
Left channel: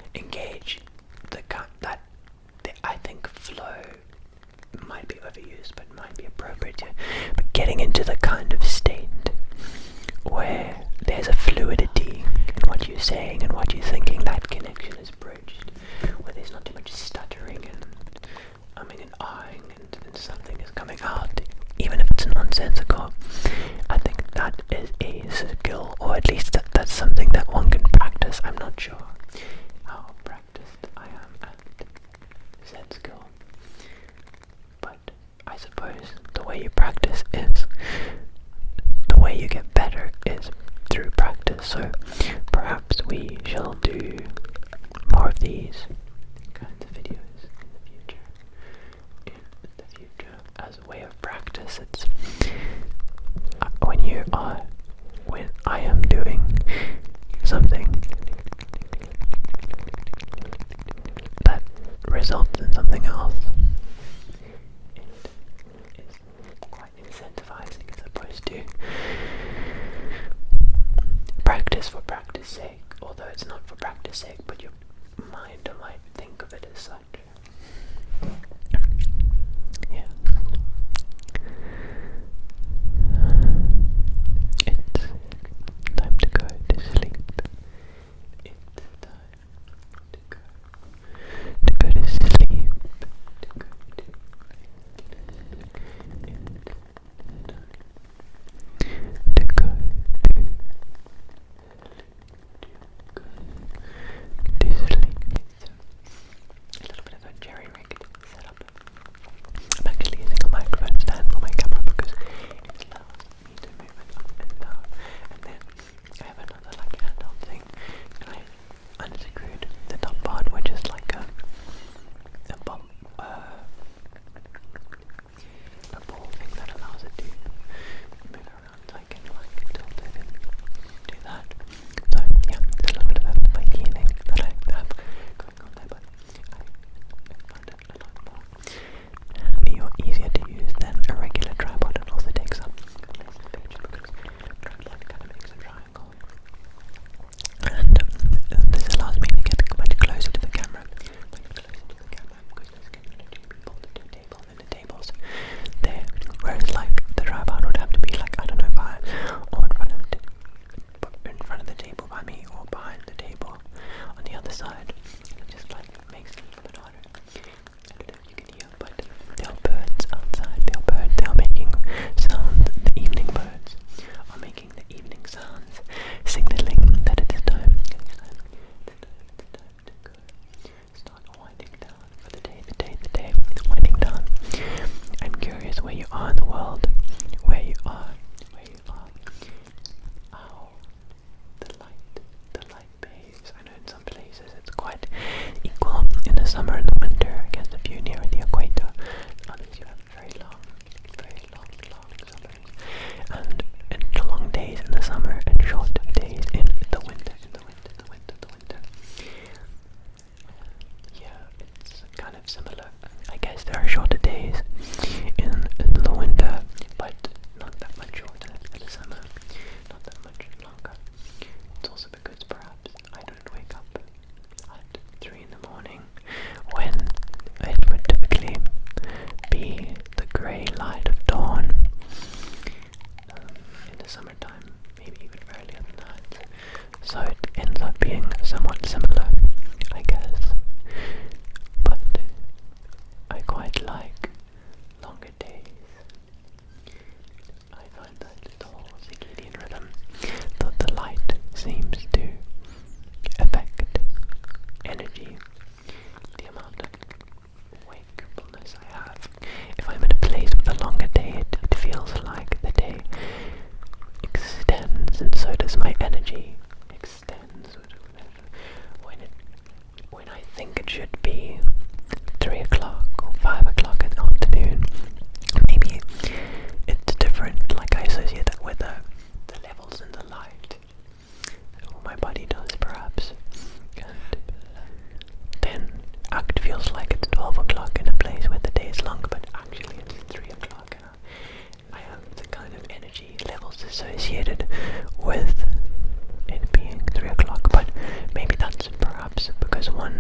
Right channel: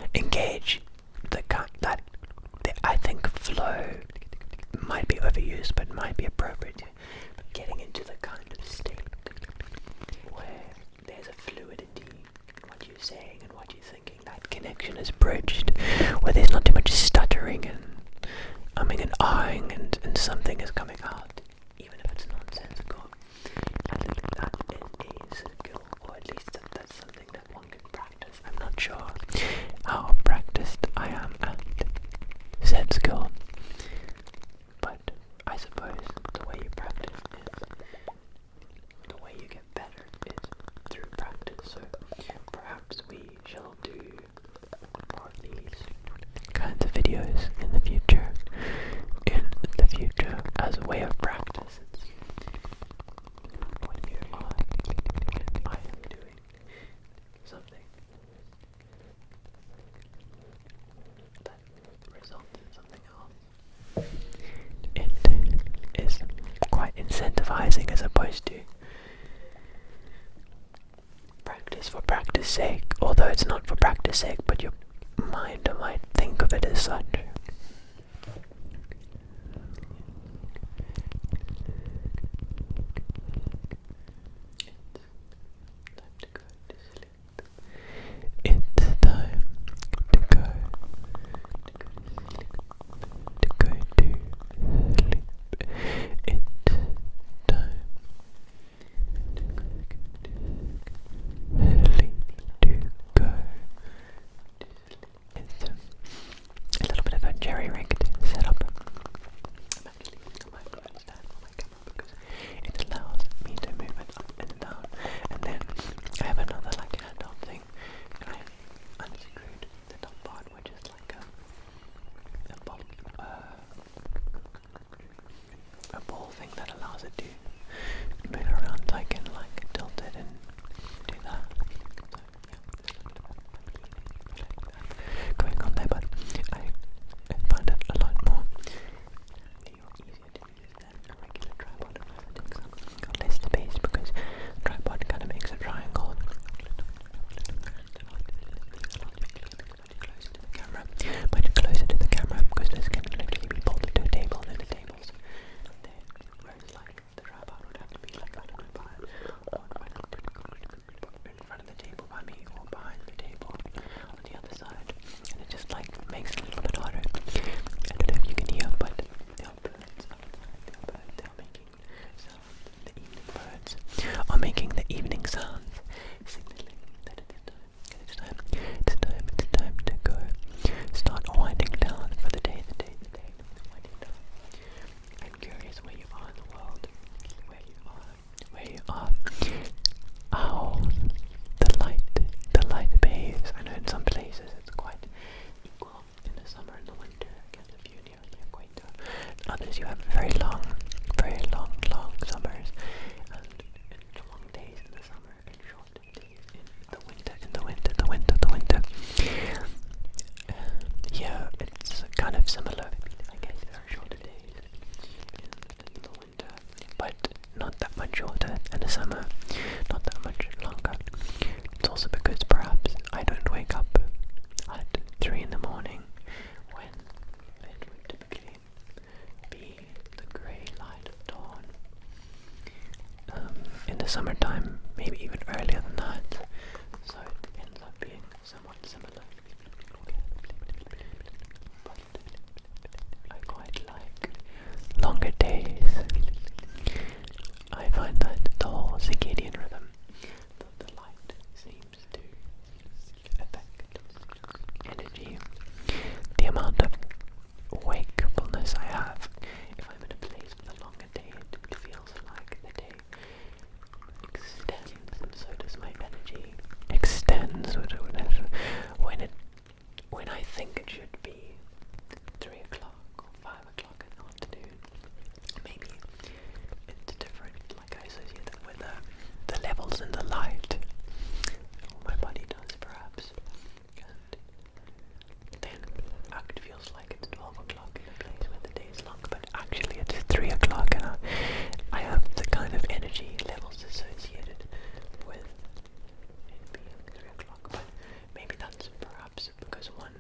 engage that I think flow might be overused but might be appropriate, but getting into the kind of state where there's a fluidity in what you're saying and what you're thinking, that connection is bridged, where there's not too much stuttering and umming and ahhing and something is coming out, even if it's nonsensical. I think that is a skill, or at least that's something that one can practice. I'm not sure how practiced I am at said skill, but I suppose the way you practice is, the way you get better is through practice. So perhaps we shall do more of these kinds of videos in the future. As a way of practice, it's when I am doing something that results in something else, it is quite incentivizing as opposed to practice for practice sake, although it's not for practice sake, but your mind might think of it as such. Yeah. It's time to go to sleep. It's time to go to sleep, to go to sleep. It's time to go to sleep, to go to sleep. It's a little bit of a jerry-rigged setup. I'm actually using a microphone stand for my camera because it allows me to move it up and down. And then I have another like handheld thing, and I unscrewed the top part, which is like a ball thing that allows it to move around. So I can like tilt it and do that. So yeah, it's a little bit of a funky thing that I have going on there, but I find it a lot more handy or easier to use than a regular tripod. It also takes up less space because tripod kind of makes a triangle, and this allows me to get much closer to the camera, because this can literally be bolted to a table, and the table's there, whereas like the tripod would have to be like, I don't know, behind or in front of the table by me, or behind the table on the other side, and it just like makes it a little bit harder. I don't know if you can hear, but there are birds outside. They are making sounds. The evening birds are making the evening sounds, signaling that it is time. It's time to go. Start winding down for the day, winding down. I'm curious where you are in the world, where you are, how the light behaves. I know in some places it's quite equal in the summer and the winter. I guess if you're near the equator, others you have very long summers, and long days in the summer and short days in the winter. Yeah, it's kind of similar. I guess there are shorter days in the winter, but not that much shorter in the summer, not that much longer. It's also because perhaps I don't wake up at 3 in the morning when it would typically be the grey light of dawn. In the summertime, maybe even earlier than that, so it ends up being somewhat similar, I guess. But I quite like longer days. I find that the whole circadian rhythm, the light seems to affect energy, the amount of wakefulness I have. If I'm in a place with a longer day, it feels like the day extends, and so does my energy extends. When I think it should be 3 o'clock or 5 o'clock in the afternoon, maybe it's different. Like I associate that with the levels in the light, or my body does perhaps, and then it feels like it's 12 o'clock in a place where the day is longer, but actually it's 3 o'clock, and I have the kind of energy levels associated with it being 3 o'clock. But maybe that's perhaps because one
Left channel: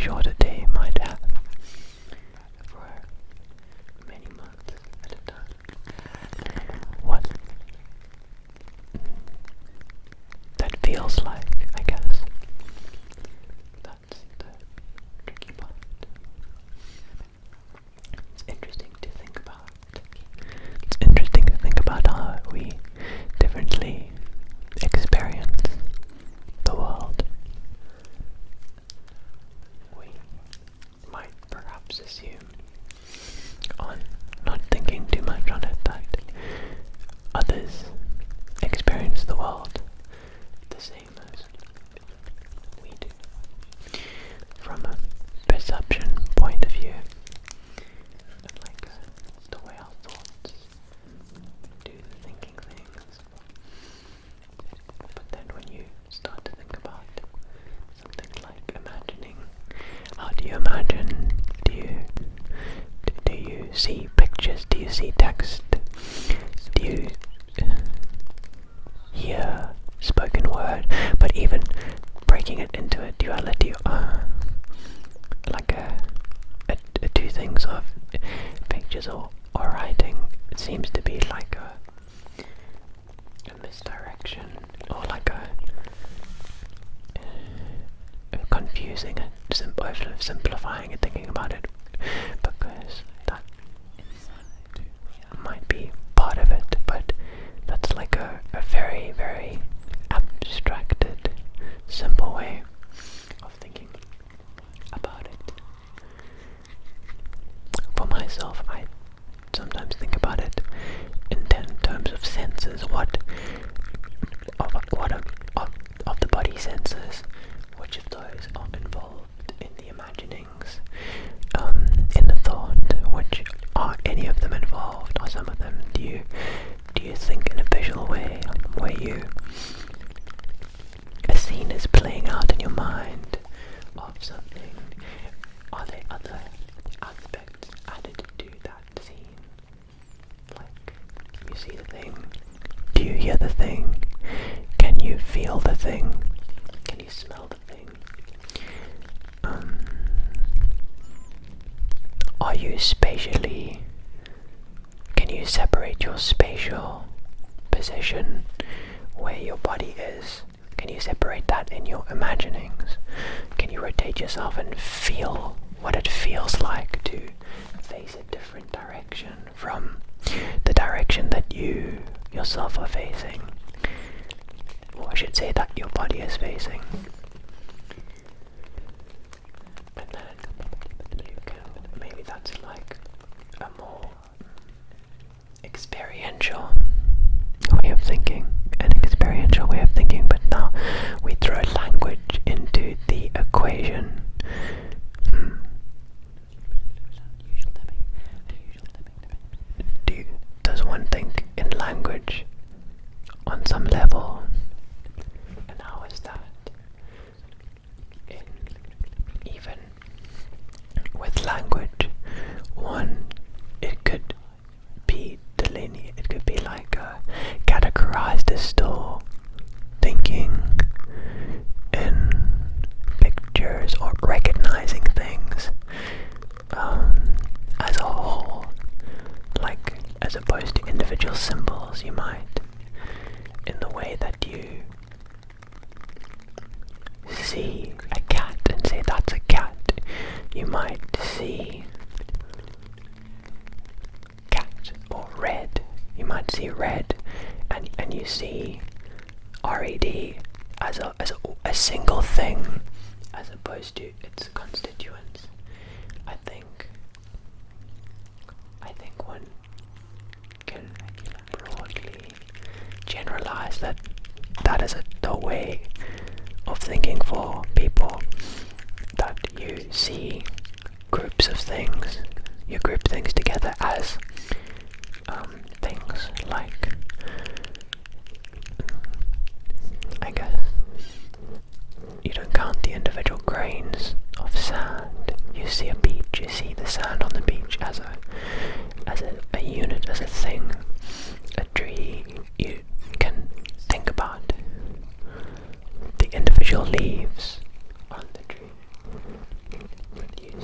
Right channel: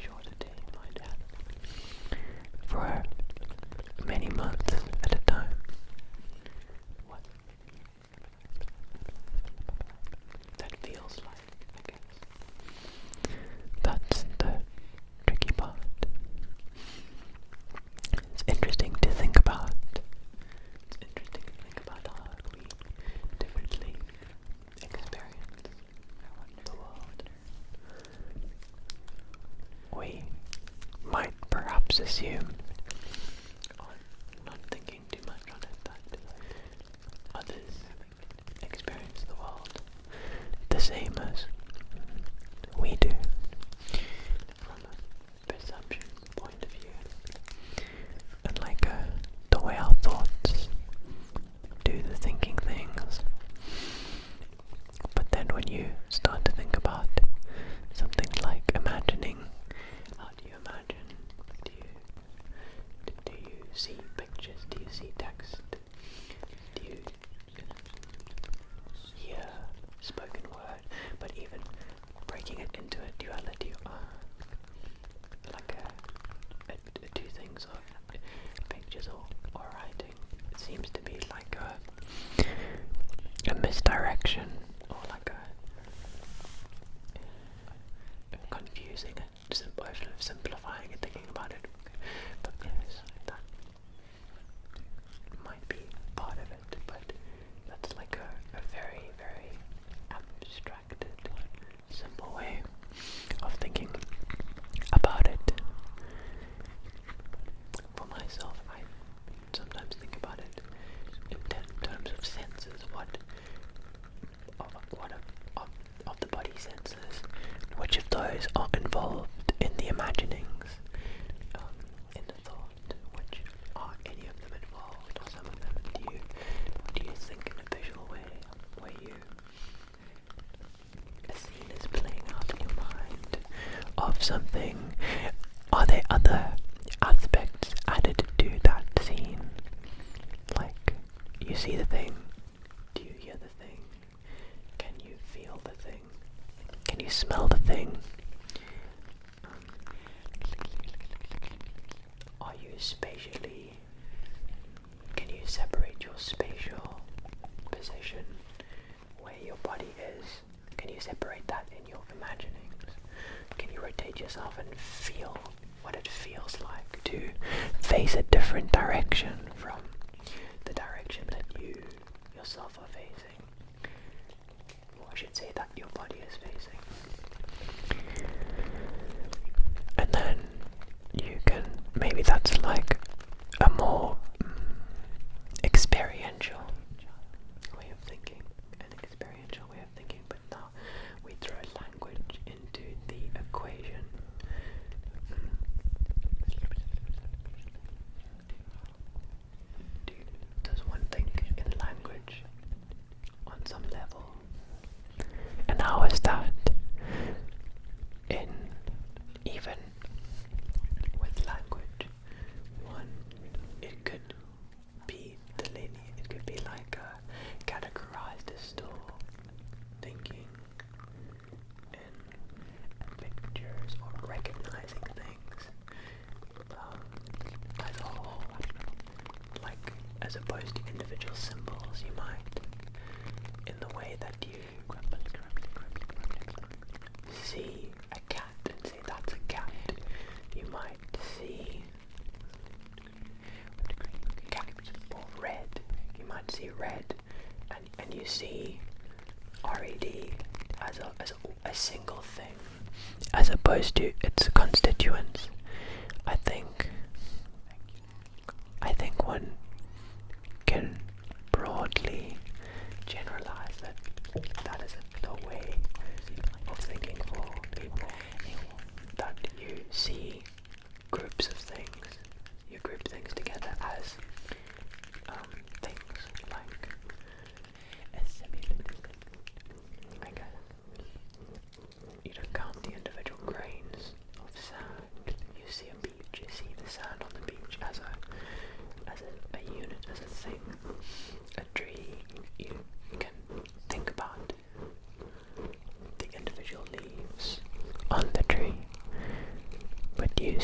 shorter day might have for many months at a time. What that feels like, I guess. That's the tricky part. It's interesting to think about. It's interesting to think about how we differently experience the world. We might perhaps assume, on not thinking too much on it, that others experience the world the same as we do, from a perception point of view, and like the way our thoughts do the thinking things. But then when you start to think about something like imagining, how do you imagine? Do you see pictures? Do you see text? Do you hear spoken word? But even breaking it into a duality, like two things of pictures or writing, it seems to be like a misdirection, or like a confusing and simplifying and thinking about it, because that might be part of it, but that's like a very, very abstracted, simple way of thinking about it. For myself, I sometimes think about it in terms of senses. What of the body senses? Which of those are involved in the imaginings, in the thought? Which are any of them involved? Are some of them? Do you think in a visual way, where a scene is playing out in your mind of something? Are there other aspects added to that scene? Like, you see the thing, do you hear the thing? Can you feel the thing? Can you smell the thing? Are you spatially, can you separate your spatial position, where your body is? Can you separate that in your imaginings? Can you rotate yourself and feel what it feels like to face a different direction from the direction that you yourself are facing? Or I should say that your body is facing. And then you can, maybe that's like a more experiential way of thinking, but now we throw language into the equation. Does one think in language on some level? And how is that? Even with language, it could be delineated, it could be like categorized as still thinking in pictures or recognizing things as a whole, like as opposed to individual symbols. You might, in the way that you see a cat and say that's a cat, you might see cat or red. You might see red, and you see RED as a single thing, as opposed to its constituents. I think one can broadly generalize that is the way of thinking for people, that you see groups of things, you group things together as things like, I guess, you don't count the individual grains of sand. You see a beach, you see the sand on the beach as a unit, as a thing. A tree, you can think about the individual leaves on the tree,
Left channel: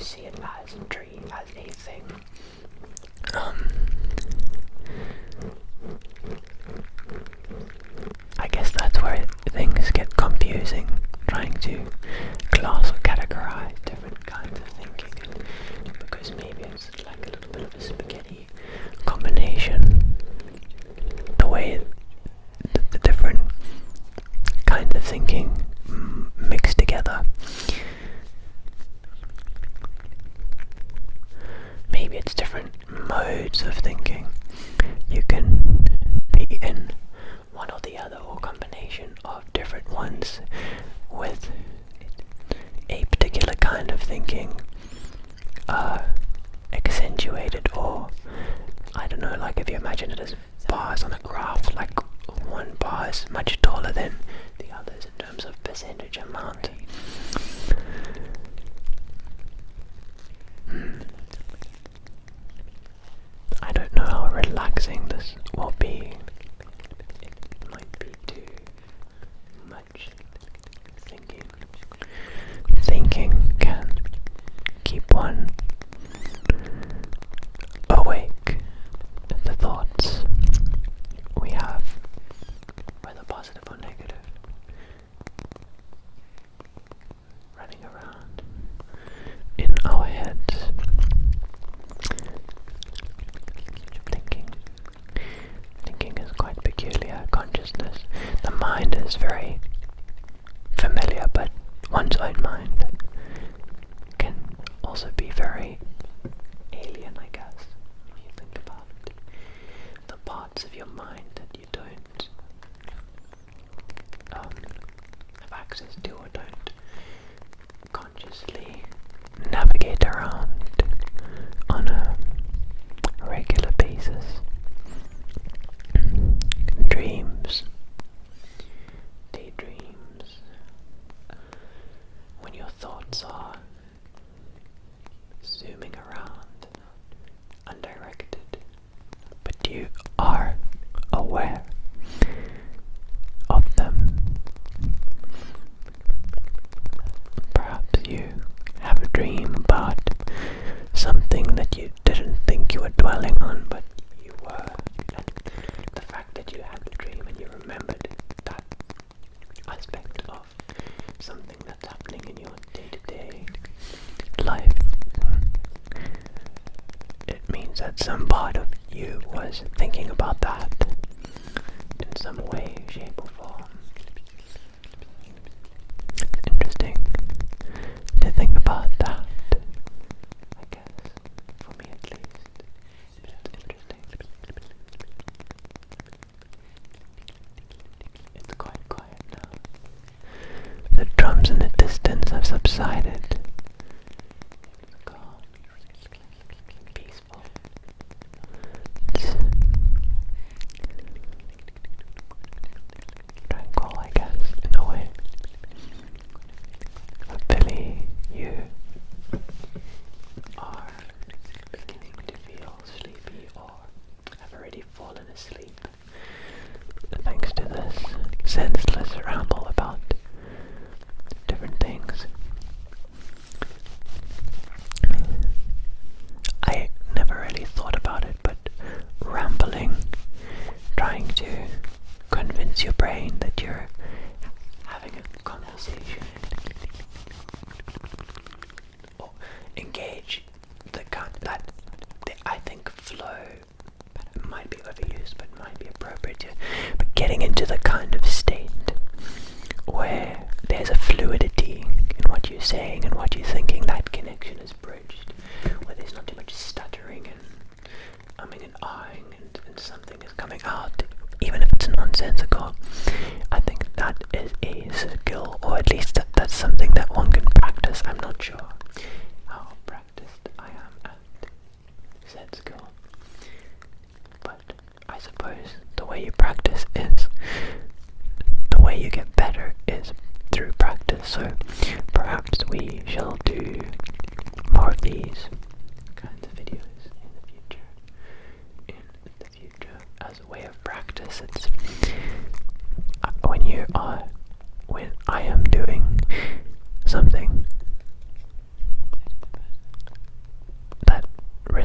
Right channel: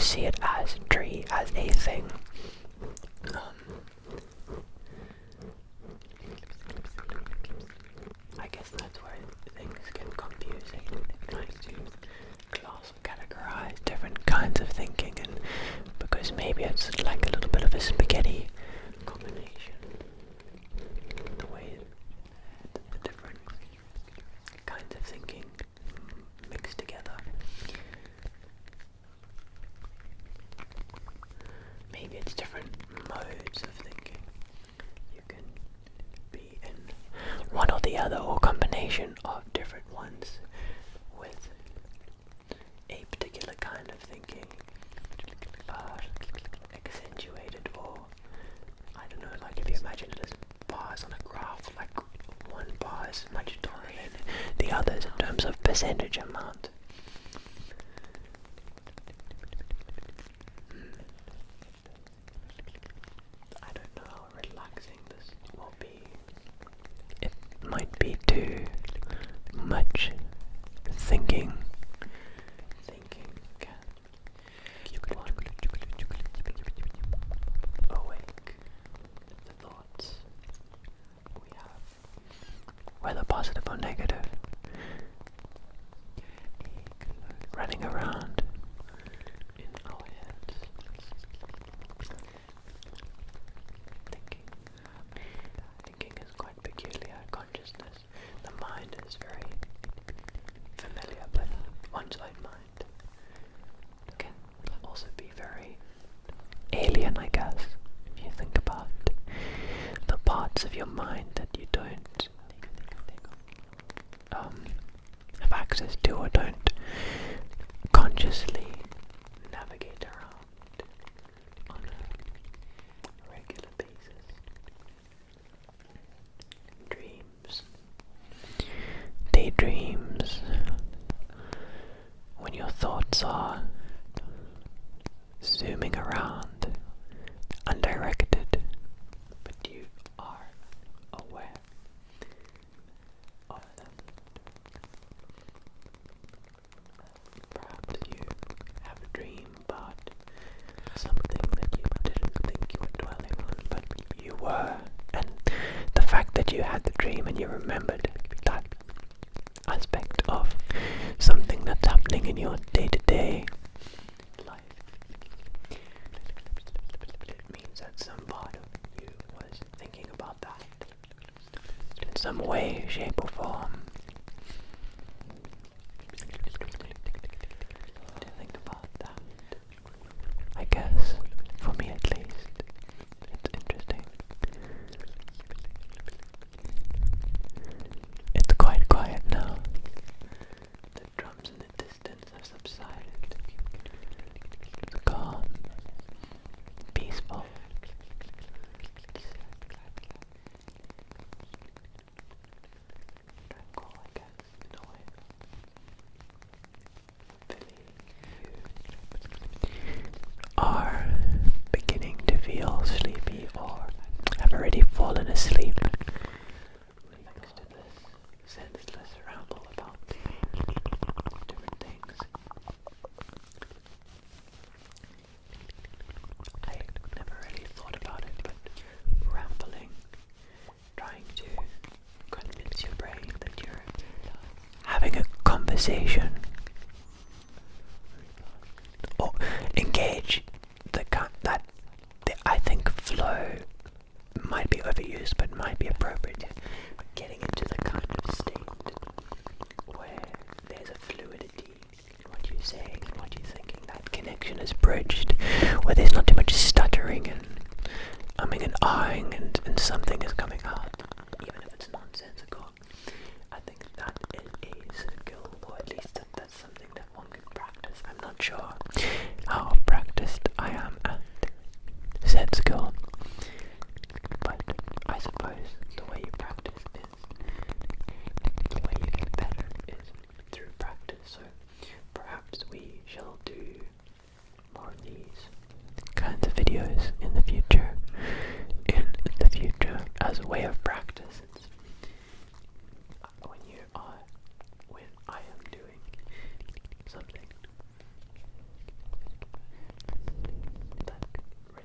see it as tree, as a thing. I guess that's where things get confusing, trying to class or categorize different kinds of thinking, and because maybe it's like a little bit of a spaghetti combination, the way the different kinds of thinking mixed together. Maybe it's different modes of thinking. You can be in one or the other, or combination of different ones with a particular kind of thinking accentuated, or I don't know, like if you imagine it as bars on a graph, like one bar is much taller than the others in terms of percentage amount. I don't know how relaxing this will be. It might be too much thinking. Thinking can keep one awake. The thoughts we have, whether positive or negative, running around in our heads. Thinking is quite peculiar. Consciousness, the mind is very familiar, but one's own mind can also be very alien, I guess, if you think about the parts of your mind that you don't have access to, or don't consciously navigate around on a regular basis. Dreams, daydreams, when your thoughts are zooming around, undirected, but you are aware of them. Perhaps you have a dream about something that you didn't think you were dwelling on, but you were, and the fact that you had the dream and you remembered that aspect of something that's happening in your day-to-day life, it means that some part of you was thinking about that in some way, shape or form. Interesting to think about that, I guess, for me at least. It's interesting. It's quite quiet now. The drums in the distance have subsided. It's calm, peaceful. It's tranquil, I guess, in a way. Hopefully you are beginning to feel sleepy, or have already fallen asleep thanks to this senseless ramble about different things. I never really thought about it, but rambling, trying to convince your brain that you're having a conversation, or engage that I think flow might be overused, but might be appropriate here. But getting into the kind of state where there's a fluidity in what you're saying and what you're thinking, that connection is bridged, where there's not too much stuttering and umming and ahhing, and something is coming out, even if it's nonsensical. I think that is a skill, or at least that's something that one can practice. I'm not sure how practiced I am at said skill, but I suppose the way you practice is, the way you get better is through practice. So perhaps we shall do more of these kinds of videos in the future. As a way of practice, it's when I am doing something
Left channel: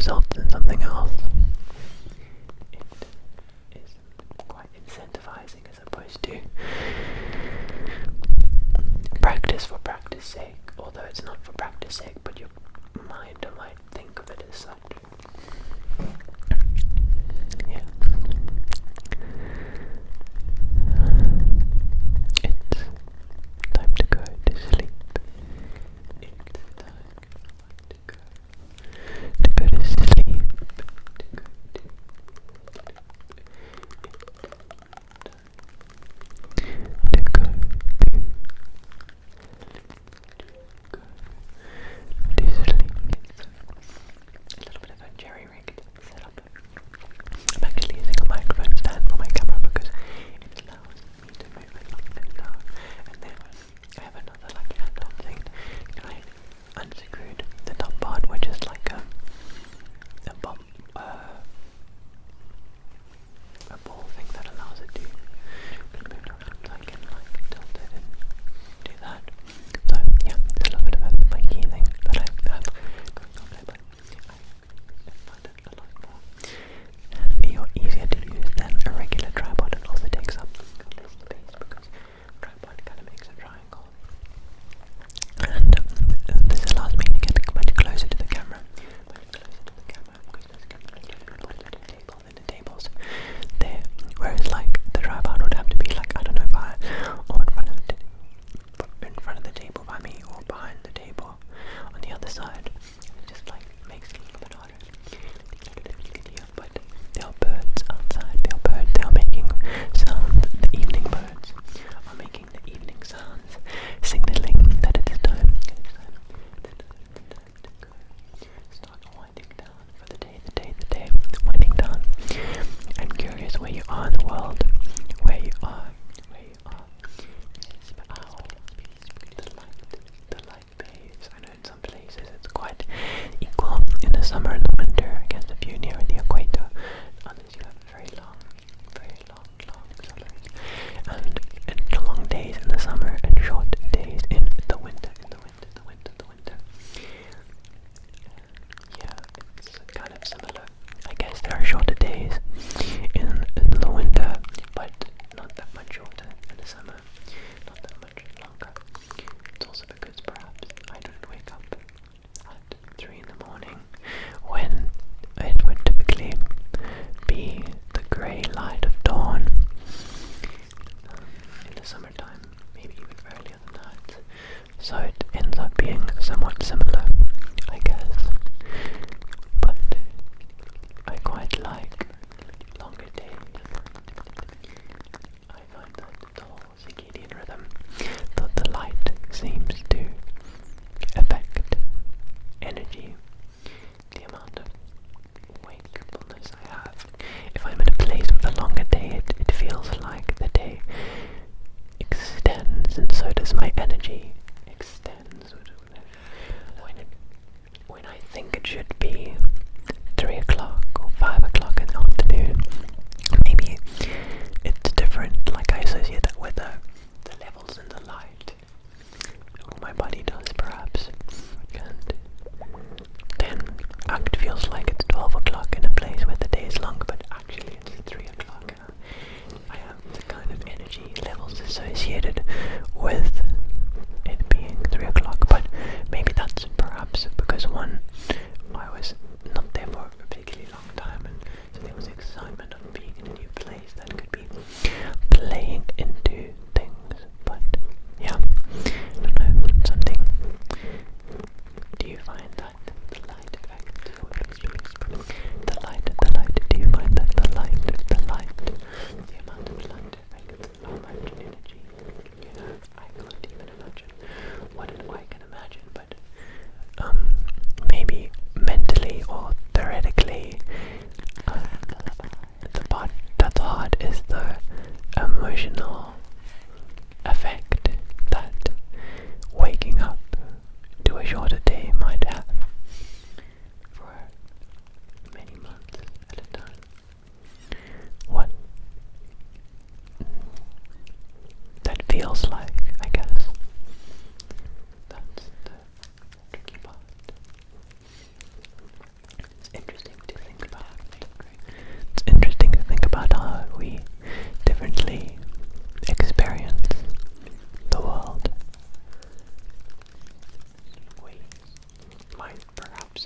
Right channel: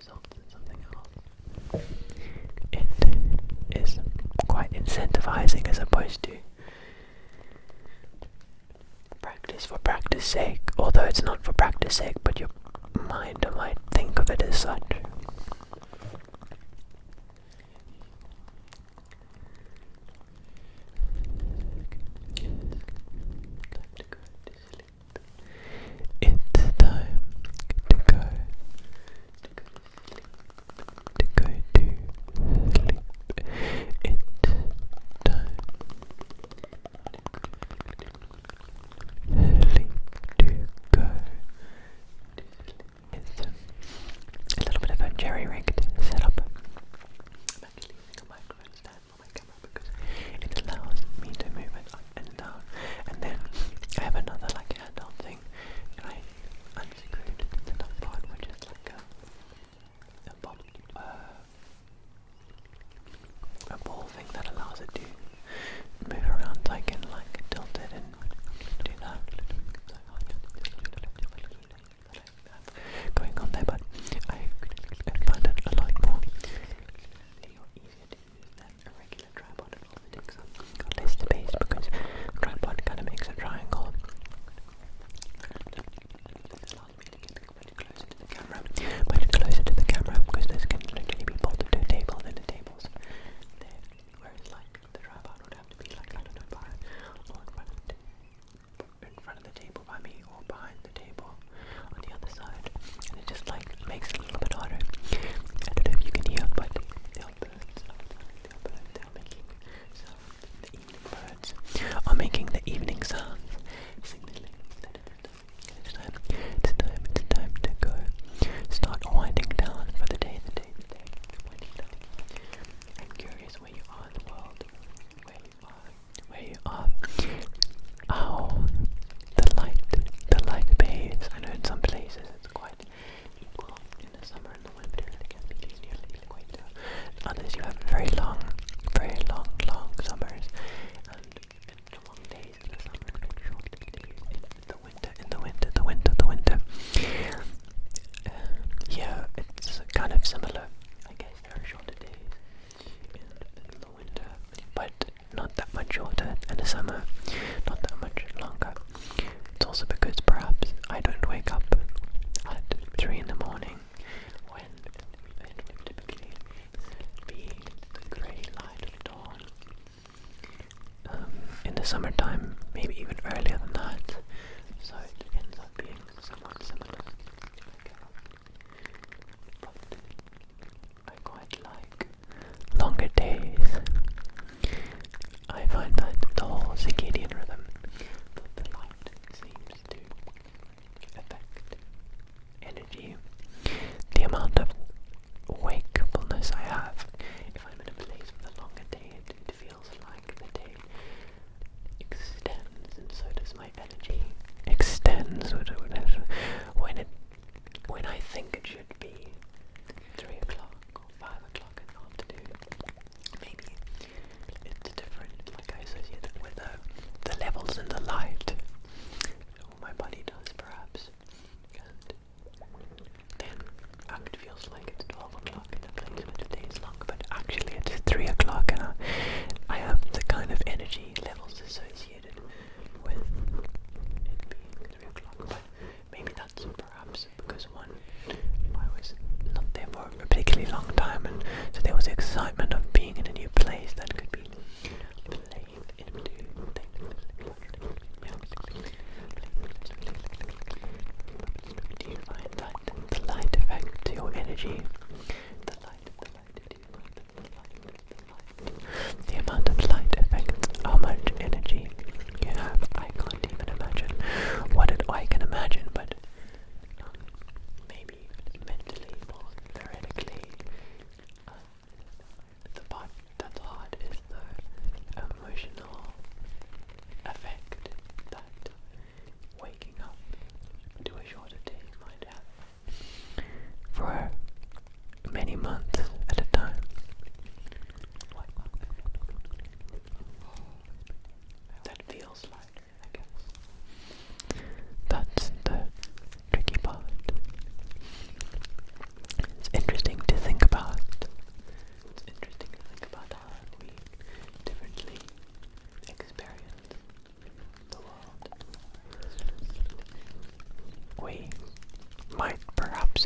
results in something else. It is quite incentivizing as opposed to practice for practice sake, although it's not for practice sake, but your mind might think of it as such. Yeah. It's time to go to sleep. It's time to go to sleep, to go to sleep. It's time to go to sleep, to go to sleep. It's a little bit of a jerry-rigged setup. I'm actually using a microphone stand for my camera because it allows me to move it and down. And then I have another like handheld thing. I unscrewed the top part, which is like a ball thing that allows it to move around. So I can like tilt it and do that. So yeah, it's a little bit of a funky thing that I have going on there, but I find it a lot more handy or easier to use than a regular tripod. It also takes up less space because a tripod kind of makes a triangle. And this allows me to get much closer to the camera, because this can literally be bolted to a table, and the table's there. Whereas like the tripod would have to be like, I don't know, by or in front of the table by me, or behind the table on the other side, and it just like makes it a little bit harder. I don't know if you can hear, but there are birds outside. They are making sounds. The evening birds are making the evening sounds, signaling that it is time. It's time to go. Start winding down for the day, winding down. I'm curious where you are in the world, where you are. How the light behaves. I know in some places it's quite equal in the summer and the winter. I guess if you're near the equator, others you have very long summers, and long days in the summer and short days in the winter. Yeah, it's kind of similar. I guess there are shorter days in the winter, but not that much shorter in the summer, not that much longer. It's also because perhaps I don't wake up at 3 in the morning when it would typically be the grey light of dawn. In the summertime, maybe even earlier than that. So it ends up being somewhat similar, I guess. But I quite like longer days. I find that the whole circadian rhythm, that the light seems to affect energy, the amount of wakefulness I have. If I'm in a place with a longer day, it feels like the day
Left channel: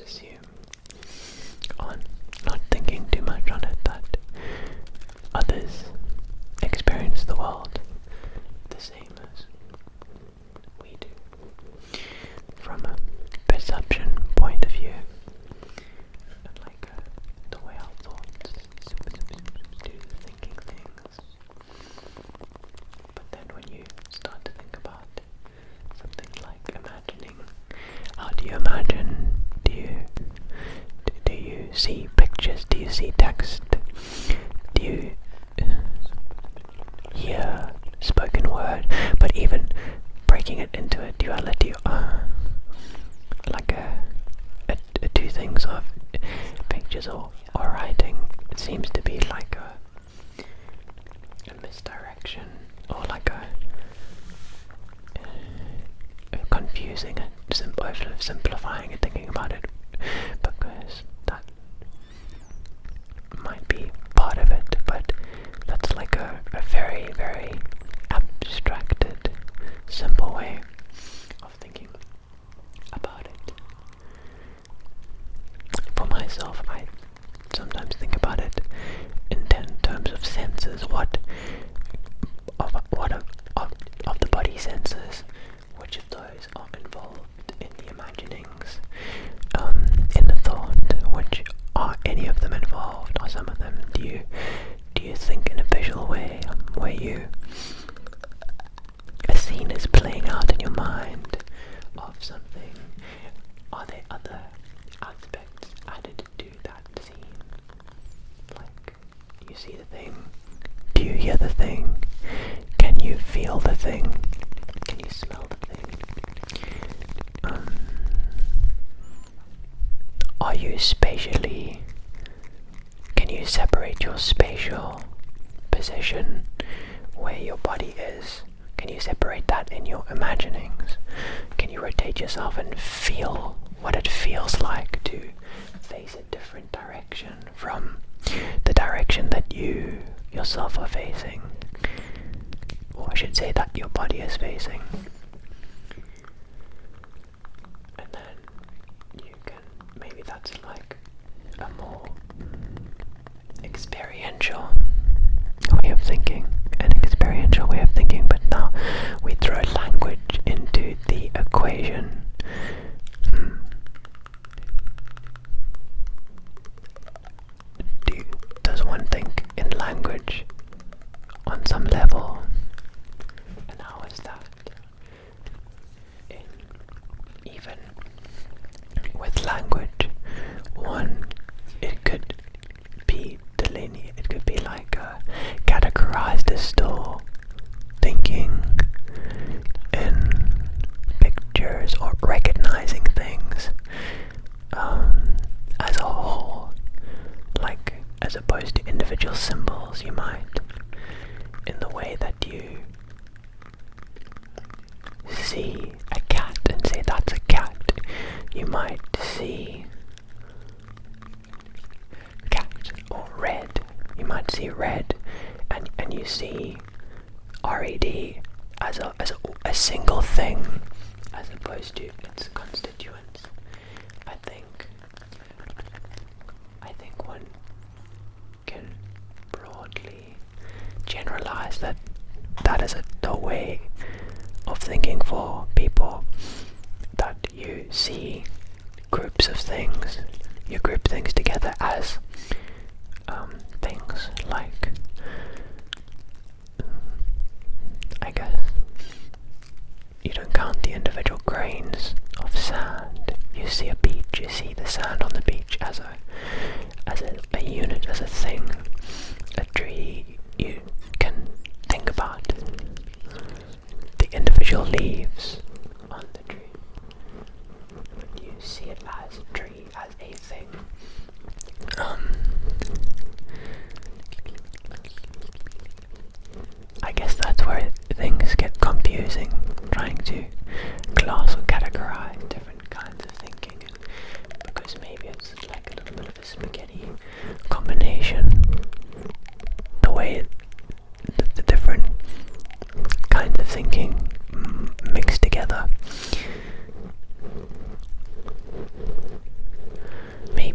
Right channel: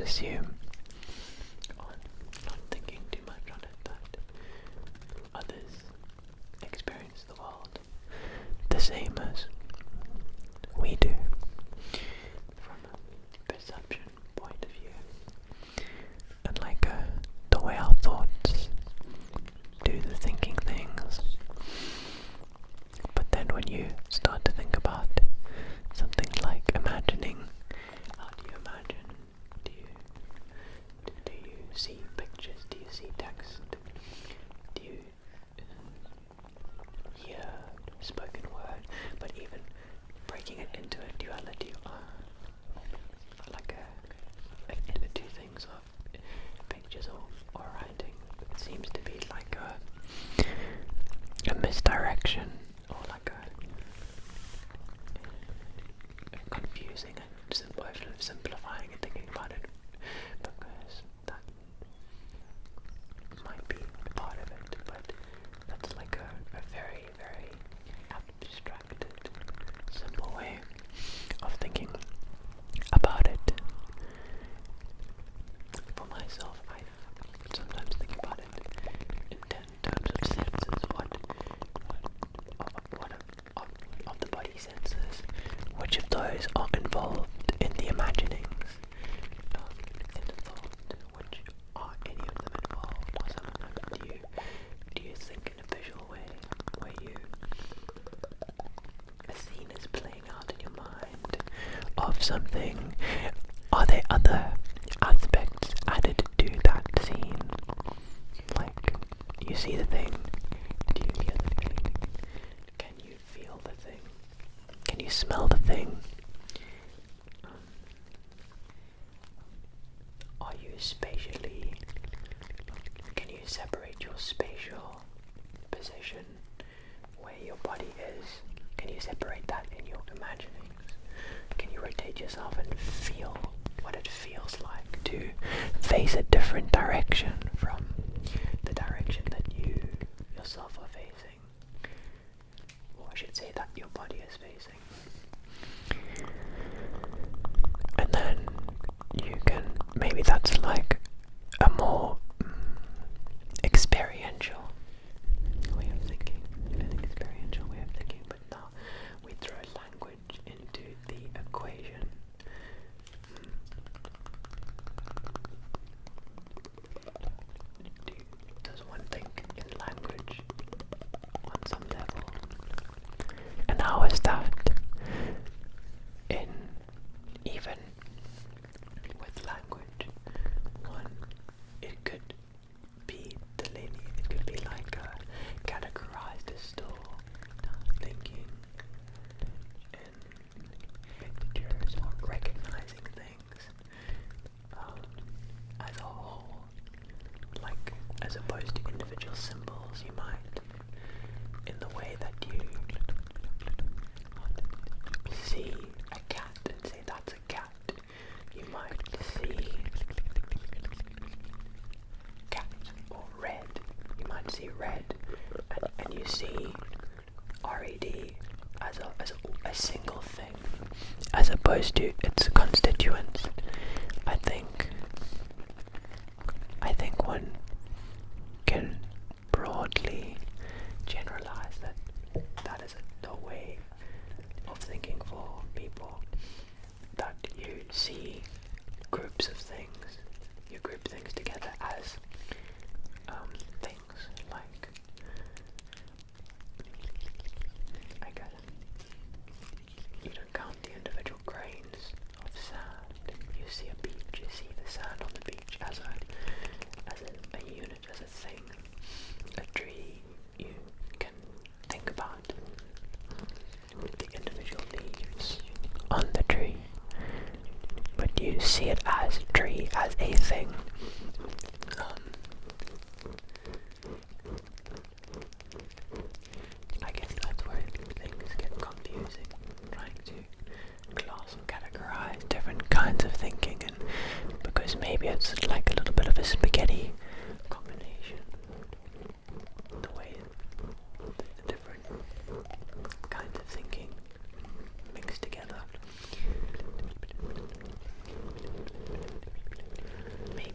assume on not thinking too much on it that others experience the world the same as we do, from a perception point of view, and like the way our thoughts do the thinking things. But then when you start to think about something like imagining, how do you imagine? Do you see pictures? Do you see text? Do you hear spoken word? But even breaking it into a duality, like two things of pictures or writing, it seems to be like a misdirection, or like a confusing it, simplifying and thinking about it, because that might be part of it, but that's like a very, very abstracted, simple way of thinking about it. For myself, I sometimes think about it in terms of senses. What of the body senses, which of those are involved in the imaginings, in the thought? Which are any of them involved? Are some of them? Do you think in a visual way, where a scene is playing out in your mind of something? Are there other aspects added to that scene? Like, you see the thing, do you hear the thing? Can you feel the thing? Can you smell the thing? Are you spatially, can you separate your spatial position, where your body is? Can you separate that in your imaginings? Can you rotate yourself and feel what it feels like to face a different direction from the direction that you yourself are facing? Or I should say that your body is facing. And then you can, maybe that's like a more experiential way of thinking, but now we throw language into the equation. Does one think in language on some level? And how is that in, even with language, it could be delineated, it could be like categorized as still thinking in pictures or recognizing things as a whole, like as opposed to individual symbols. You might, in the way that you see a cat and say that's a cat, you might see cat or red. You might see red, and you see RED as a single thing, as opposed to its constituents. I think one can broadly generalize that is a way of thinking for people, that you see groups of things, you group things together as things like, I guess, you don't count the individual grains of sand. You see a beach, you see the sand on the beach as a unit, as a thing. A tree, you can think about the individual leaves on the tree, but you see it as a tree, as a thing. I guess that's where things get confusing, trying to class or categorize different kinds of thinking, and because maybe it's like a little bit of a spaghetti combination, the way the different kinds of thinking mixed together.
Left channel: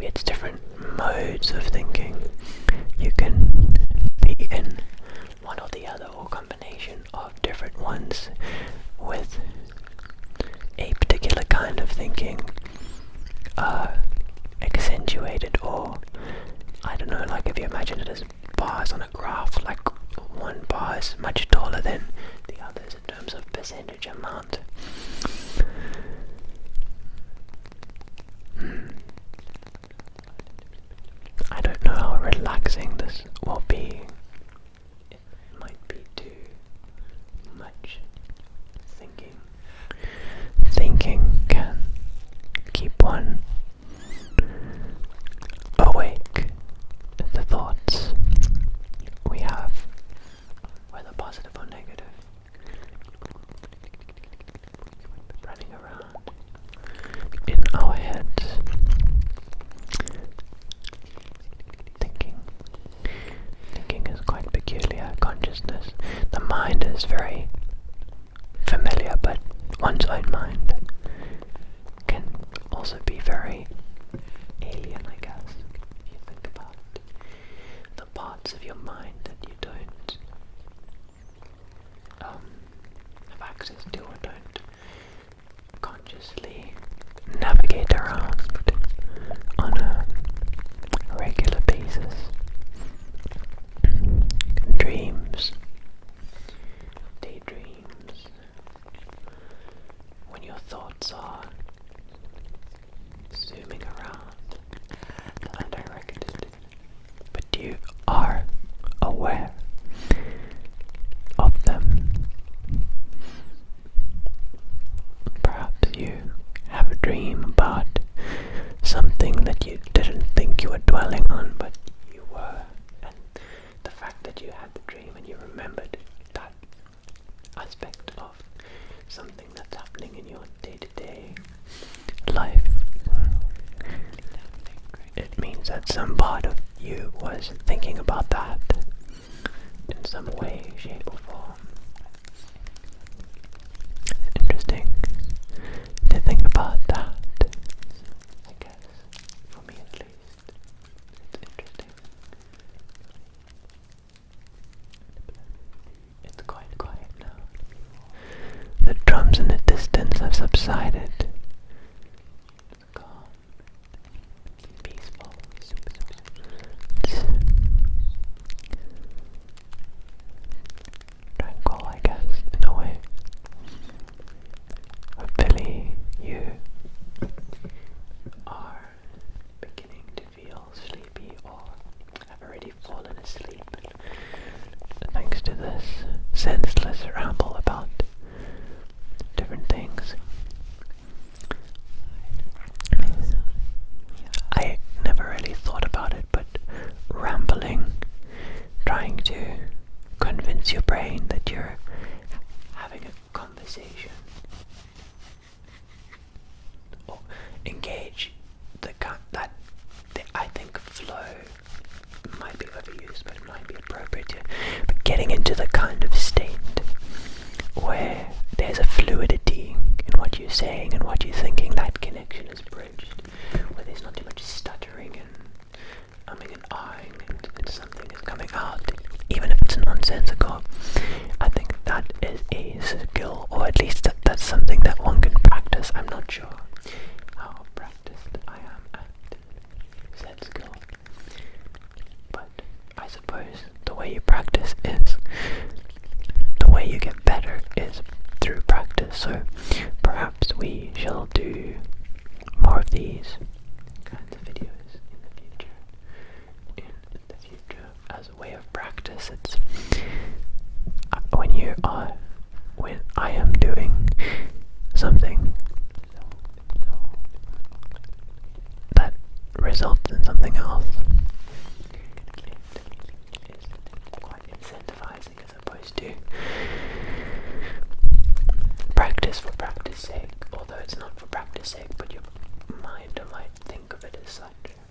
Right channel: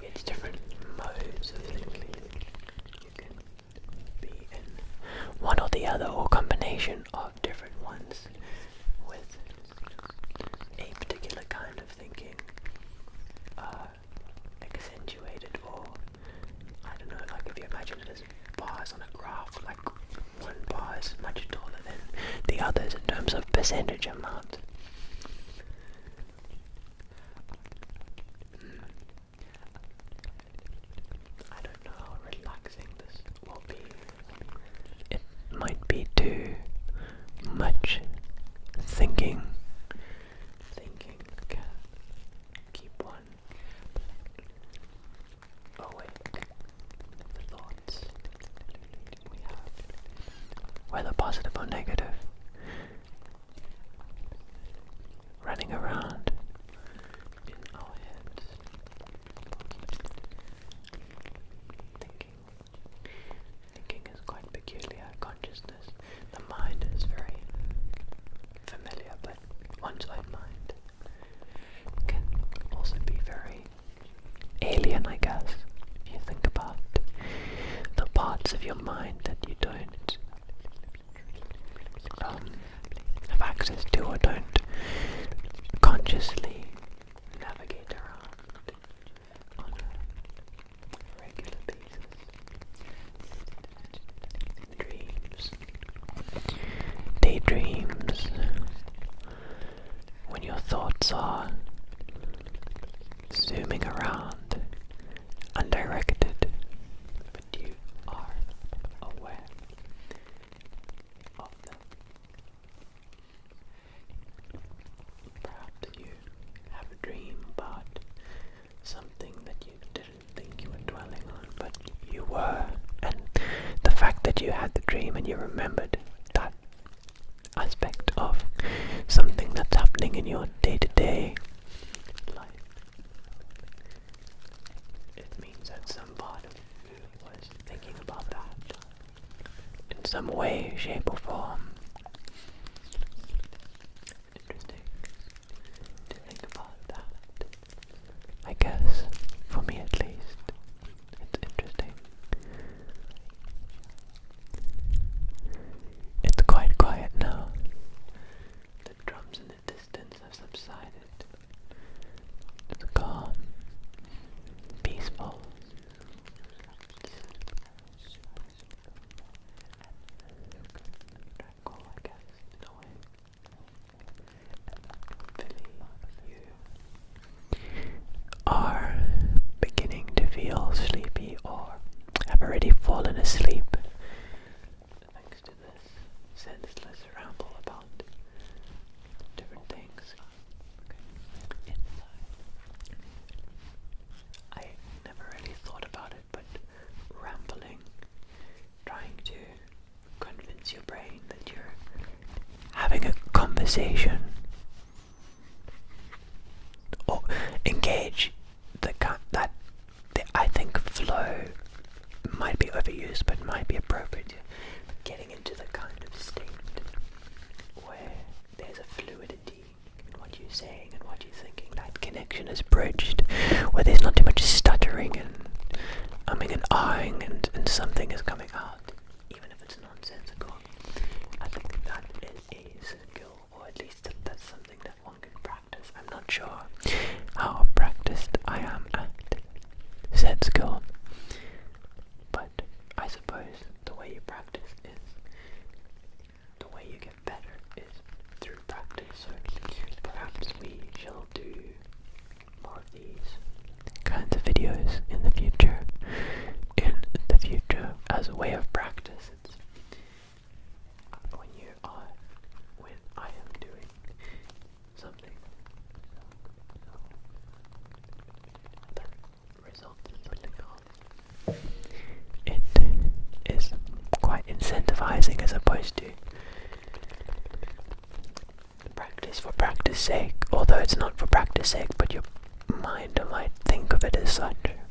maybe it's different modes of thinking. You can be in one or the other, or combination of different ones with a particular kind of thinking accentuated, or I don't know, like if you imagine it as bars on a graph, like one bar is much taller than the others in terms of percentage amount. I don't know how relaxing this will be. It might be too much thinking. Thinking can keep one awake. The thoughts we have, whether positive or negative, running around in our heads. Thinking is quite peculiar. Consciousness, the mind is very familiar, but one's own mind can also be very alien, I guess, if you think about the parts of your mind that you don't have access to, or don't consciously navigate around on a regular basis. Dreams, daydreams, when your thoughts are zooming around undirected, but you are aware of them. Perhaps you have a dream about something that you didn't think you were dwelling on, but you were, and the fact that you had the dream and you remembered that aspect of something that's happening in your day-to-day life, it means that some part of you was thinking about that in some way, shape or form. Interesting to think about that, I guess, for me at least. It's interesting. It's quite quiet now. The drums in the distance have subsided. It's calm, peaceful. It's tranquil, I guess, in a way. Hopefully you are beginning to feel sleepy, or have already fallen asleep thanks to this senseless ramble about different things. I never really thought about it, but rambling, trying to convince your brain that you're having a conversation, or engage I think flow might be overused, but might be appropriate. But getting into the kind of state where there's a fluidity in what you're saying and what you're thinking, that connection is bridged, where there's not too much stuttering and umming and ahhing, and something is coming out, even if it's nonsensical. I think that is a skill, or at least that's something that one can practice. I'm not sure how practiced I am at said skill, but I suppose the way you practice is, the way you get better is through practice. So perhaps we shall do more of these kinds of videos in the future. As a way of practice, it's when I am doing something that results in something else, it is quite incentivizing, as opposed to practice for practice sake, although it's not for practice sake, but your mind might think of it as such.